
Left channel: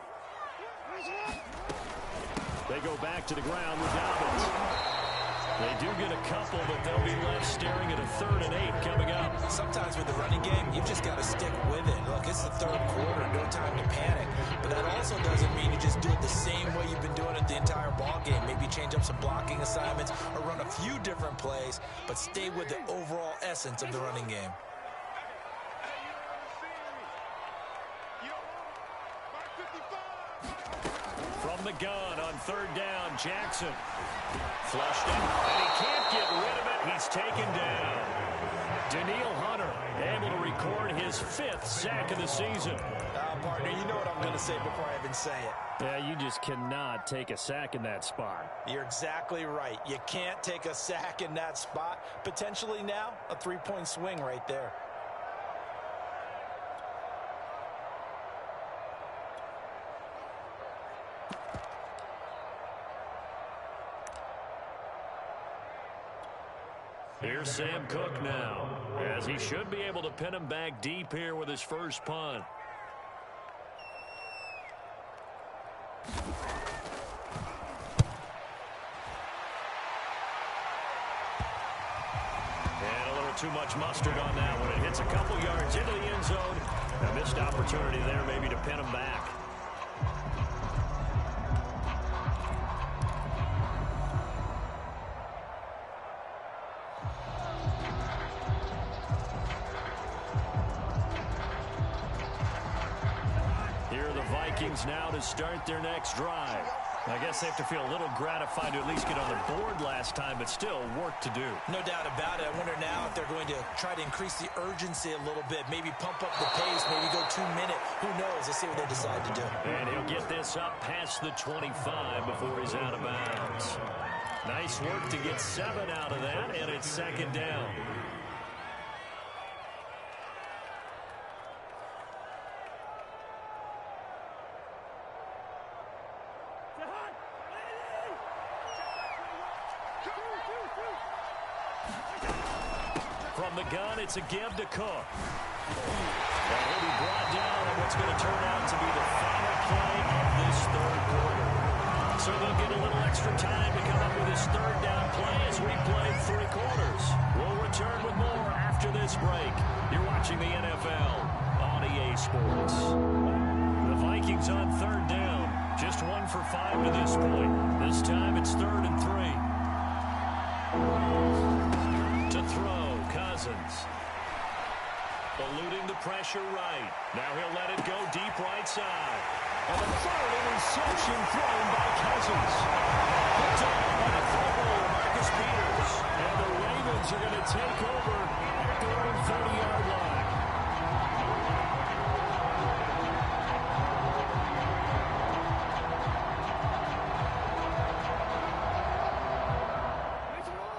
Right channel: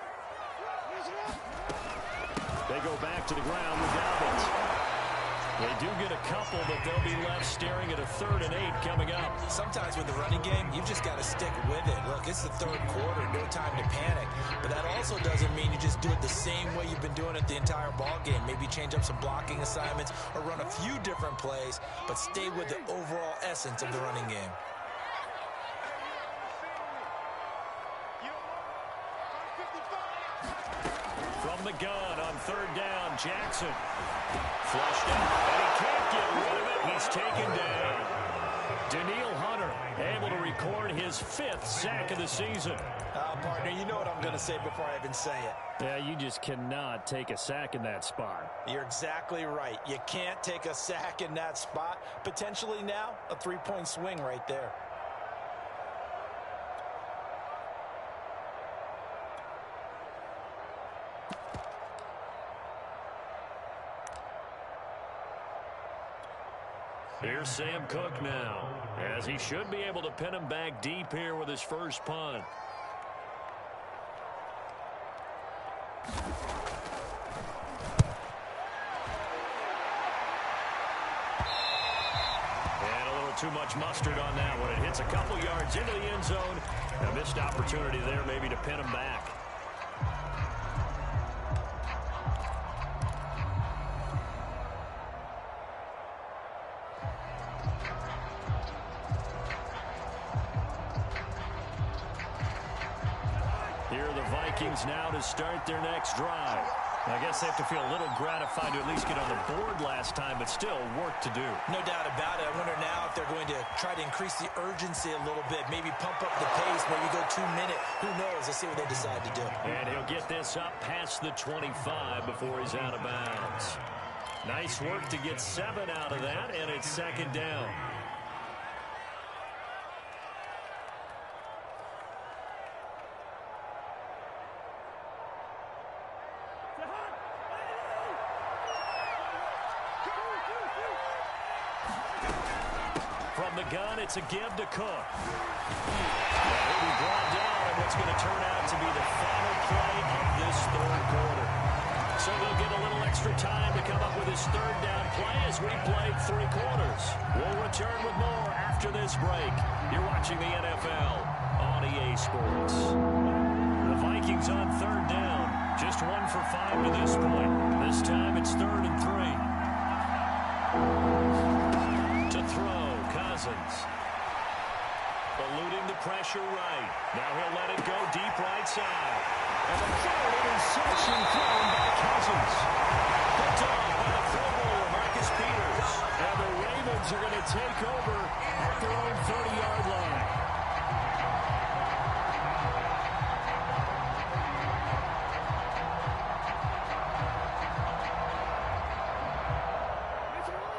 They go back to the ground with Dobbins. They do get a couple, but they'll be left staring at a 3rd and 8 coming up. Sometimes with the running game, you've just got to stick with it. Look, it's the 3rd quarter, no time to panic. But that also doesn't mean you just do it the same way you've been doing it the entire ball game. Maybe change up some blocking assignments or run a few different plays, but stay with the overall essence of the running game. From the gun on 3rd down, Jackson. Flushed it, and he can't get rid of it. He's taken down. Danielle Hunter able to record his 5th sack of the season. Partner, you know what I'm going to say before I even say it. Yeah, you just cannot take a sack in that spot. You're exactly right. You can't take a sack in that spot. Potentially now, a 3-point swing right there. Here's Sam Cook now, as he should be able to pin him back deep here with his first punt. And a little too much mustard on that one. It hits a couple yards into the end zone. A missed opportunity there maybe to pin him back. Here are the Vikings now to start their next drive. I guess they have to feel a little gratified to at least get on the board last time, but still work to do. No doubt about it. I wonder now if they're going to try to increase the urgency a little bit, maybe pump up the pace, maybe go 2 minute. Who knows? Let's see what they decide to do. And he'll get this up past the 25 before he's out of bounds. Nice work to get 7 out of that, and it's second down. From the gun, it's a give to Cook. And he'll be brought down on what's going to turn out to be the final play of this third quarter. So they'll get a little extra time to come up with his third down play as we play 3 quarters. We'll return with more after this break. You're watching the NFL on EA Sports. The Vikings on third down. Just 1 for 5 to this point. This time it's 3rd and 3. To throw, Cousins. Eluding the pressure right. Now he'll let it go deep right side. And the third interception thrown by Cousins. Picked off by the Pro Bowler, Marcus Peters. And the Ravens are going to take over at their own 30-yard line.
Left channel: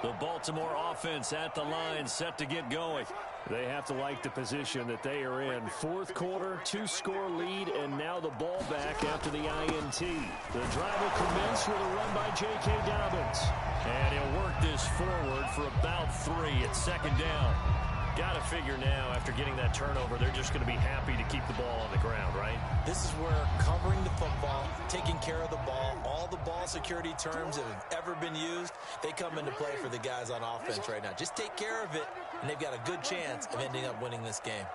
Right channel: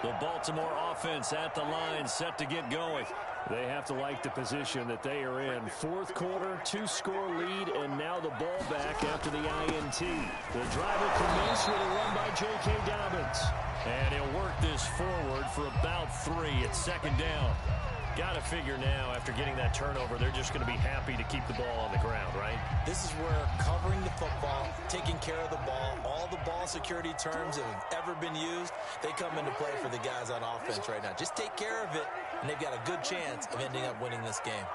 The Baltimore offense at the line, set to get going. They have to like the position that they are in. 4th quarter, 2-score lead, and now the ball back after the INT. The drive will commence with a run by J.K. Dobbins. And he'll work this forward for about 3 at second down. Got to figure now, after getting that turnover, they're just going to be happy to keep the ball on the ground, right? This is where covering the football, taking care of the ball, all the ball security terms that have ever been used, they come into play for the guys on offense right now. Just take care of it, and they've got a good chance of ending up winning this game.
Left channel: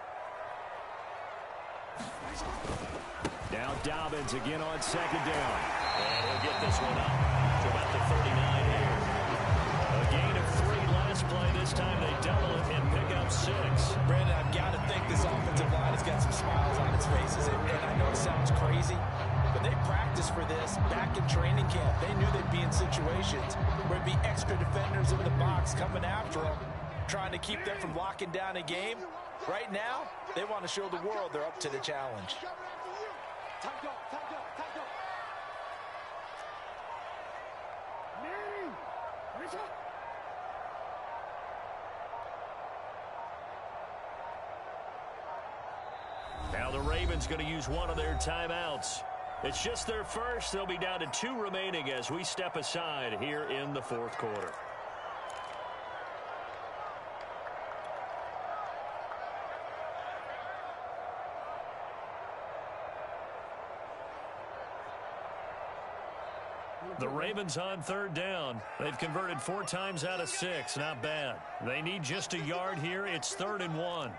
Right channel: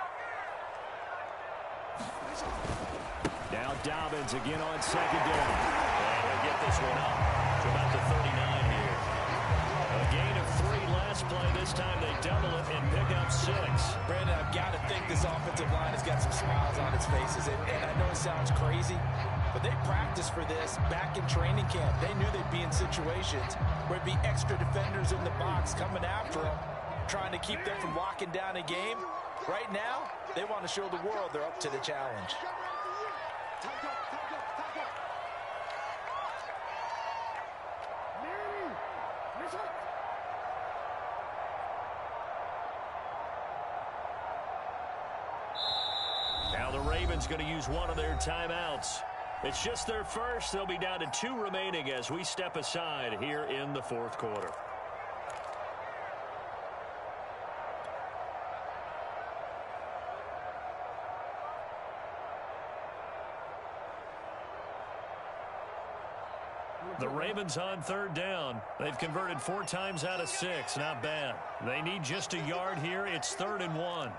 Now Dobbins again on second down. And he'll get this one up to about the 39 here. A gain of 3 last play. This time they double it and pick up 6. Brandon, I've got to think this offensive line has got some smiles on its faces. And I know it sounds crazy, but they practiced for this back in training camp. They knew they'd be in situations where it'd be extra defenders in the box coming after them, trying to keep them from locking down a game. Right now, they want to show the world they're up to the challenge. Now the Ravens going to use one of their timeouts. It's just their first. They'll be down to 2 remaining as we step aside here in the 4th quarter. The Ravens on third down. They've converted 4 times out of 6. Not bad. They need just a yard here. It's 3rd and 1.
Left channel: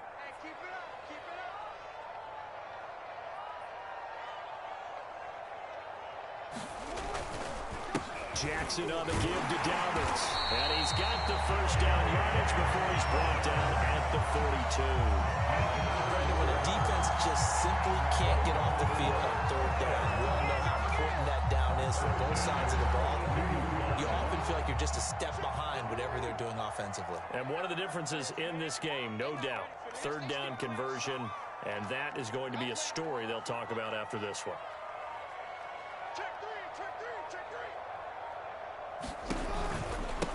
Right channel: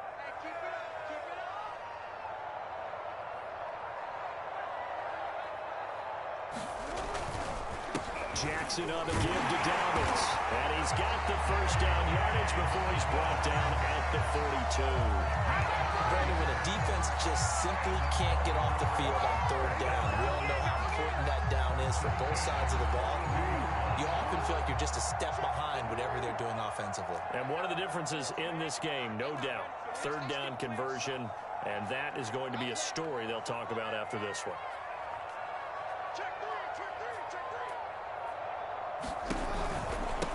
Jackson on the give to Dobbins. And he's got the first down yardage before he's brought down at the 42. Brandon, when a defense just simply can't get off the field on third down, we all know how important that down is for both sides of the ball. You often feel like you're just a step behind whatever they're doing offensively. And one of the differences in this game, no doubt, third down conversion, and that is going to be a story they'll talk about after this one.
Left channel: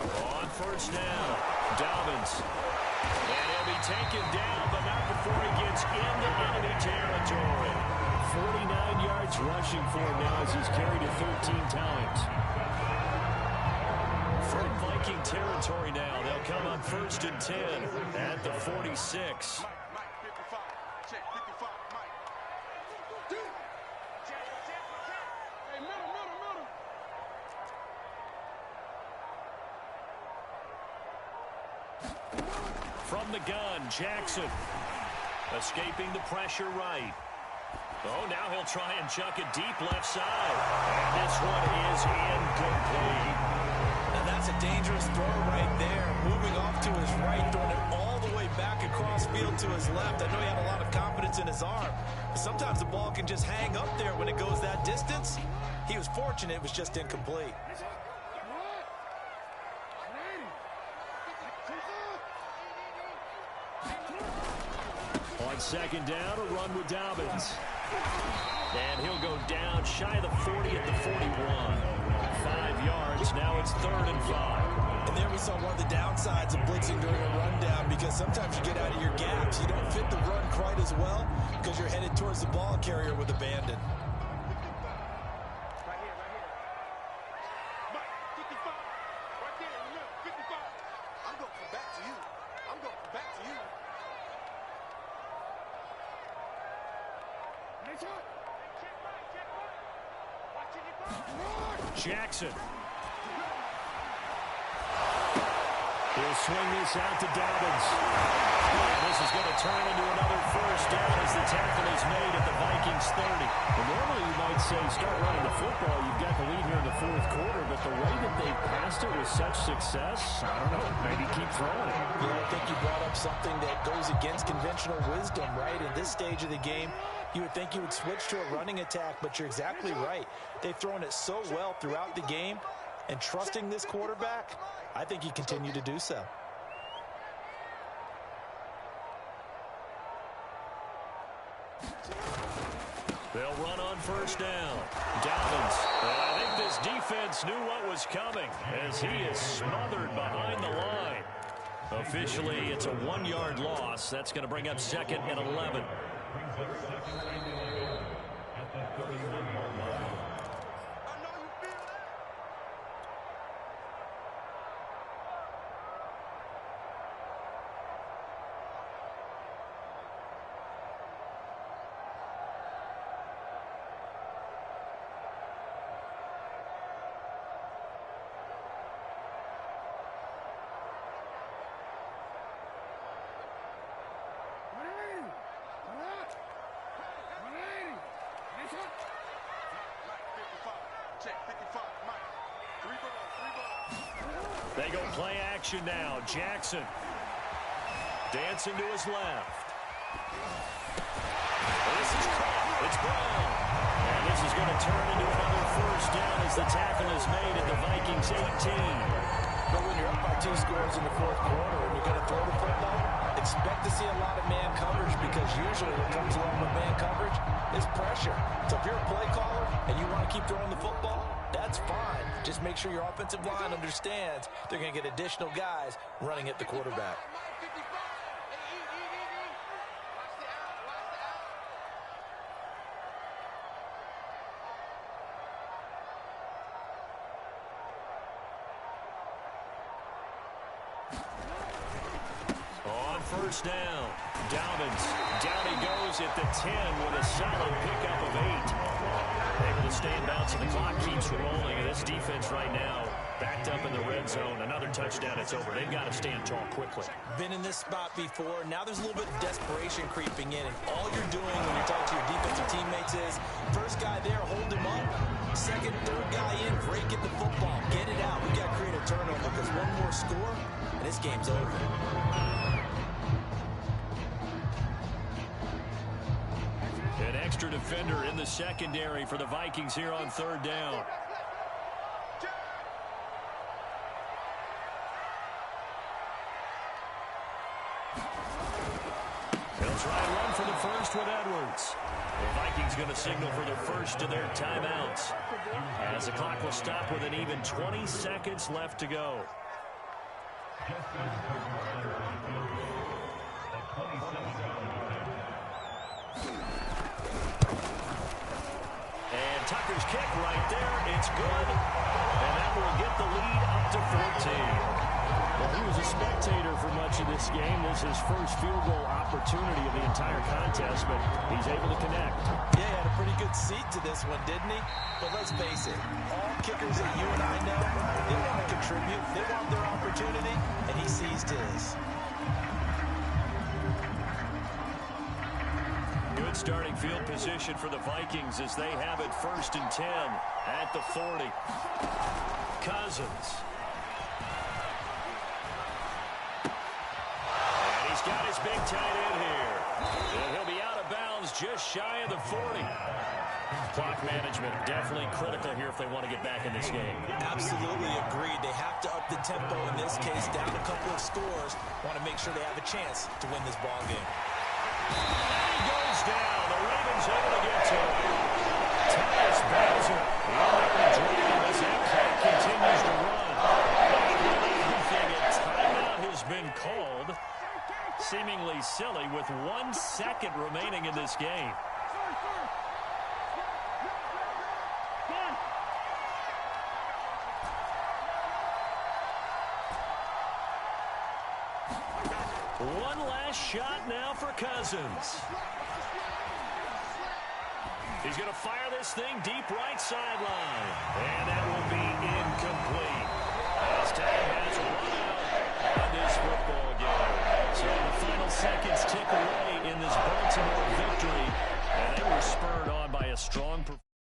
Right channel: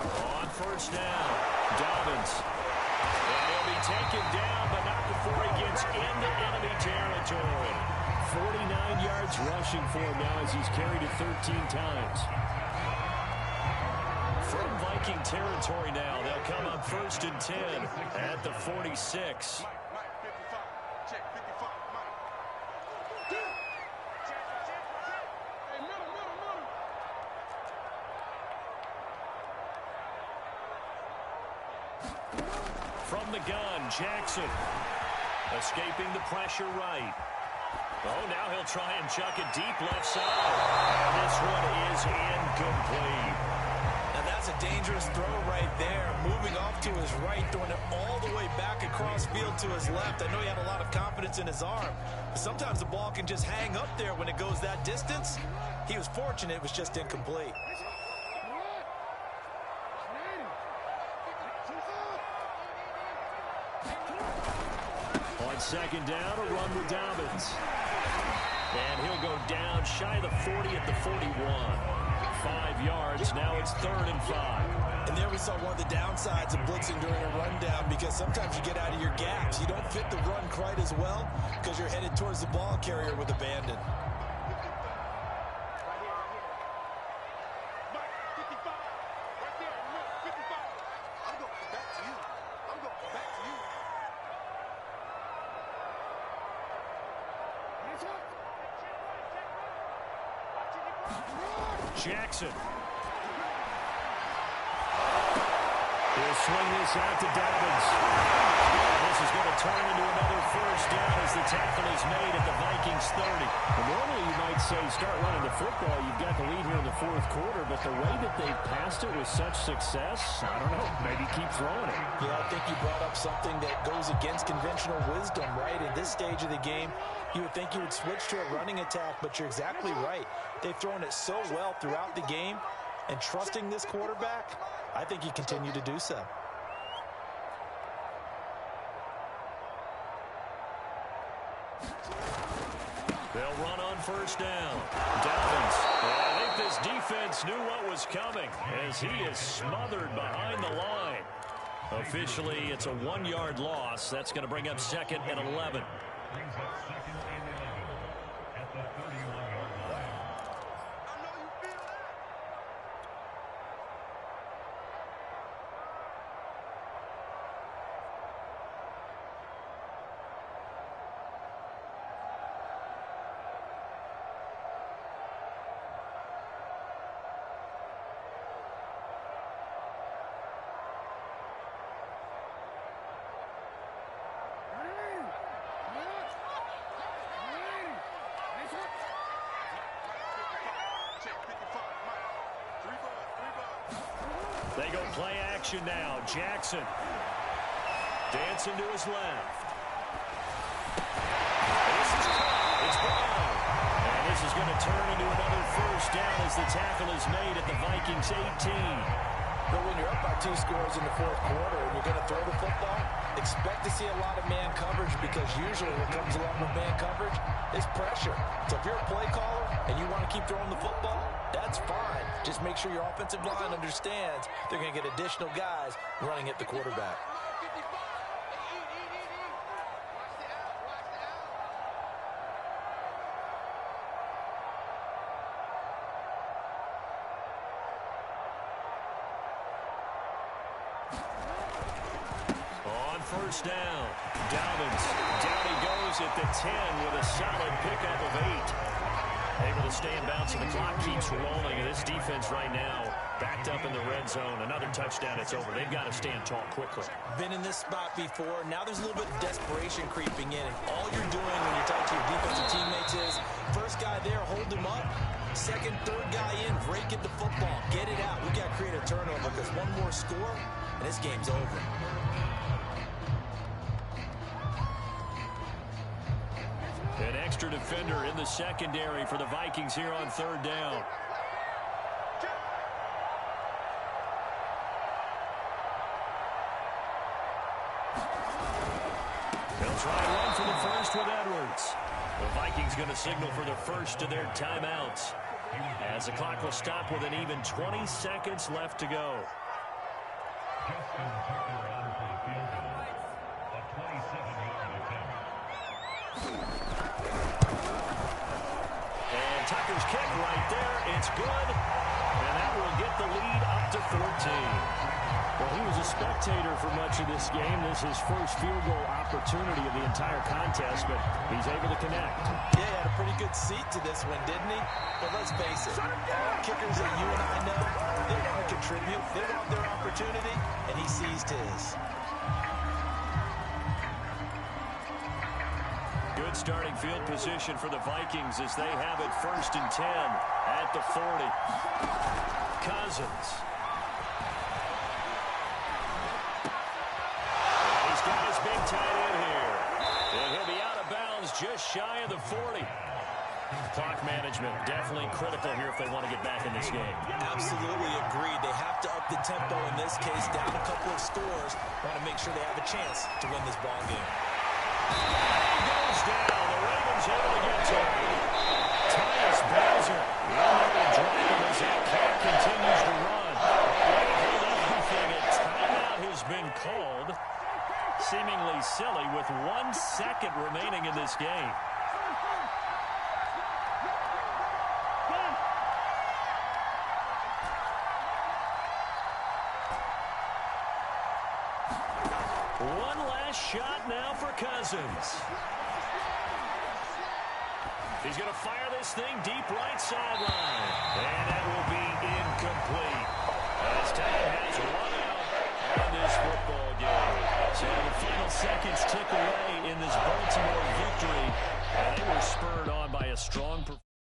On first down, Dobbins. And he'll be taken down, but not before he gets into enemy territory. 49 yards rushing for him now as he's carried it 13 times. From Vikings Viking territory now. They'll come up 1st and 10 at the 46. Mike, 55. Check, 55, Mike. Hey, middle. From the gun, Jackson. Escaping the pressure right. Oh, now he'll try and chuck it deep left side. And this one is incomplete. Now that's a dangerous throw right there. Moving off to his right, throwing it all the way back across field to his left. I know he had a lot of confidence in his arm, but sometimes the ball can just hang up there when it goes that distance. He was fortunate it was just incomplete. On 2nd down, a run with Dobbins. And he'll go down shy of the 40 at the 41. 5 yards, now it's 3rd and 5. And there we saw one of the downsides of blitzing during a rundown, because sometimes you get out of your gaps. You don't fit the run quite as well because you're headed towards the ball carrier with abandon. Right here. Mike, 55. Right there in the middle, 55. I'm going to come back to you. Check right. Watching it right. Jackson. He'll swing this out to Dobbins. And this is going to turn into another 1st down as the tackle is made at the Vikings 30. Well, normally you might say start running the football. You've got the lead here in the 4th quarter, but the way that they've passed it with such success, I don't know, maybe keep throwing it. Yeah, I think you brought up something that goes against conventional wisdom, right? In this stage of the game, you would think you would switch to a running attack, but you're exactly right. They've thrown it so well throughout the game, and trusting this quarterback, I think you continue to do so. They'll run on 1st down. Dobbins. And I think this defense knew what was coming as he is smothered behind the line. Officially, it's a 1-yard loss. That's going to bring up 2nd and 11. Brings up 2nd and 11 at the 31-yard line. I know you feel that. They go play action now. Jackson dancing to his left. And this is caught. It's Brown. And this is going to turn into another 1st down as the tackle is made at the Vikings 18. But when you're up by 2 scores in the 4th quarter and you're going to throw the football, expect to see a lot of man coverage, because usually what comes along with man coverage is pressure. So if you're a play caller and you want to keep throwing the football, that's fine. Just make sure your offensive line understands they're going to get additional guys running at the quarterback. On 1st down, Dobbins. Down he goes at the 10 with a solid pickup of 8. Able to stay in bounds, and the clock keeps rolling. And this defense right now backed up in the red zone. Another touchdown, it's over. They've got to stand tall quickly. Been in this spot before. Now there's a little bit of desperation creeping in. And all you're doing when you're talking to your defensive teammates is, first guy there, hold him up. Second, third guy in, break at the football. Get it out. We've got to create a turnover, because one more score, and this game's over. An extra defender in the secondary for the Vikings here on 3rd down. They'll try and run for the 1st with Edwards. The Vikings going to signal for the 1st of their timeouts, as the clock will stop with an even 20 seconds left to go. Justin Tucker on for the field goal. A 27-yard attempt. And Tucker's kick right there. It's good. And that will get the lead up to 14. Well, he was a spectator for much of this game. This is his first field goal opportunity of the entire contest, but he's able to connect. Yeah, he had a pretty good seat to this one, didn't he? But let's face it, all kickers that you and I know, they want to contribute. They want their opportunity, and he seized his. Good starting field position for the Vikings as they have it 1st and 10 at the 40. Cousins. And he's got his big tight end here. And he'll be out of bounds just shy of the 40. Clock management definitely critical here if they want to get back in this game. Absolutely agreed. They have to up the tempo in this case, down a couple of scores. Want to make sure they have a chance to win this ball game. And he goes down. The Ravens able to get to him. Tyus Bowser in there to drop him as that clock continues to run. With everything, a timeout has been called. Seemingly silly with 1 second remaining in this game. One last shot now for Cousins. He's going to fire this thing deep right sideline. And that will be incomplete. As time has run out on this football game. So the final seconds tick away in this Baltimore victory. And they were spurred on by a strong performance.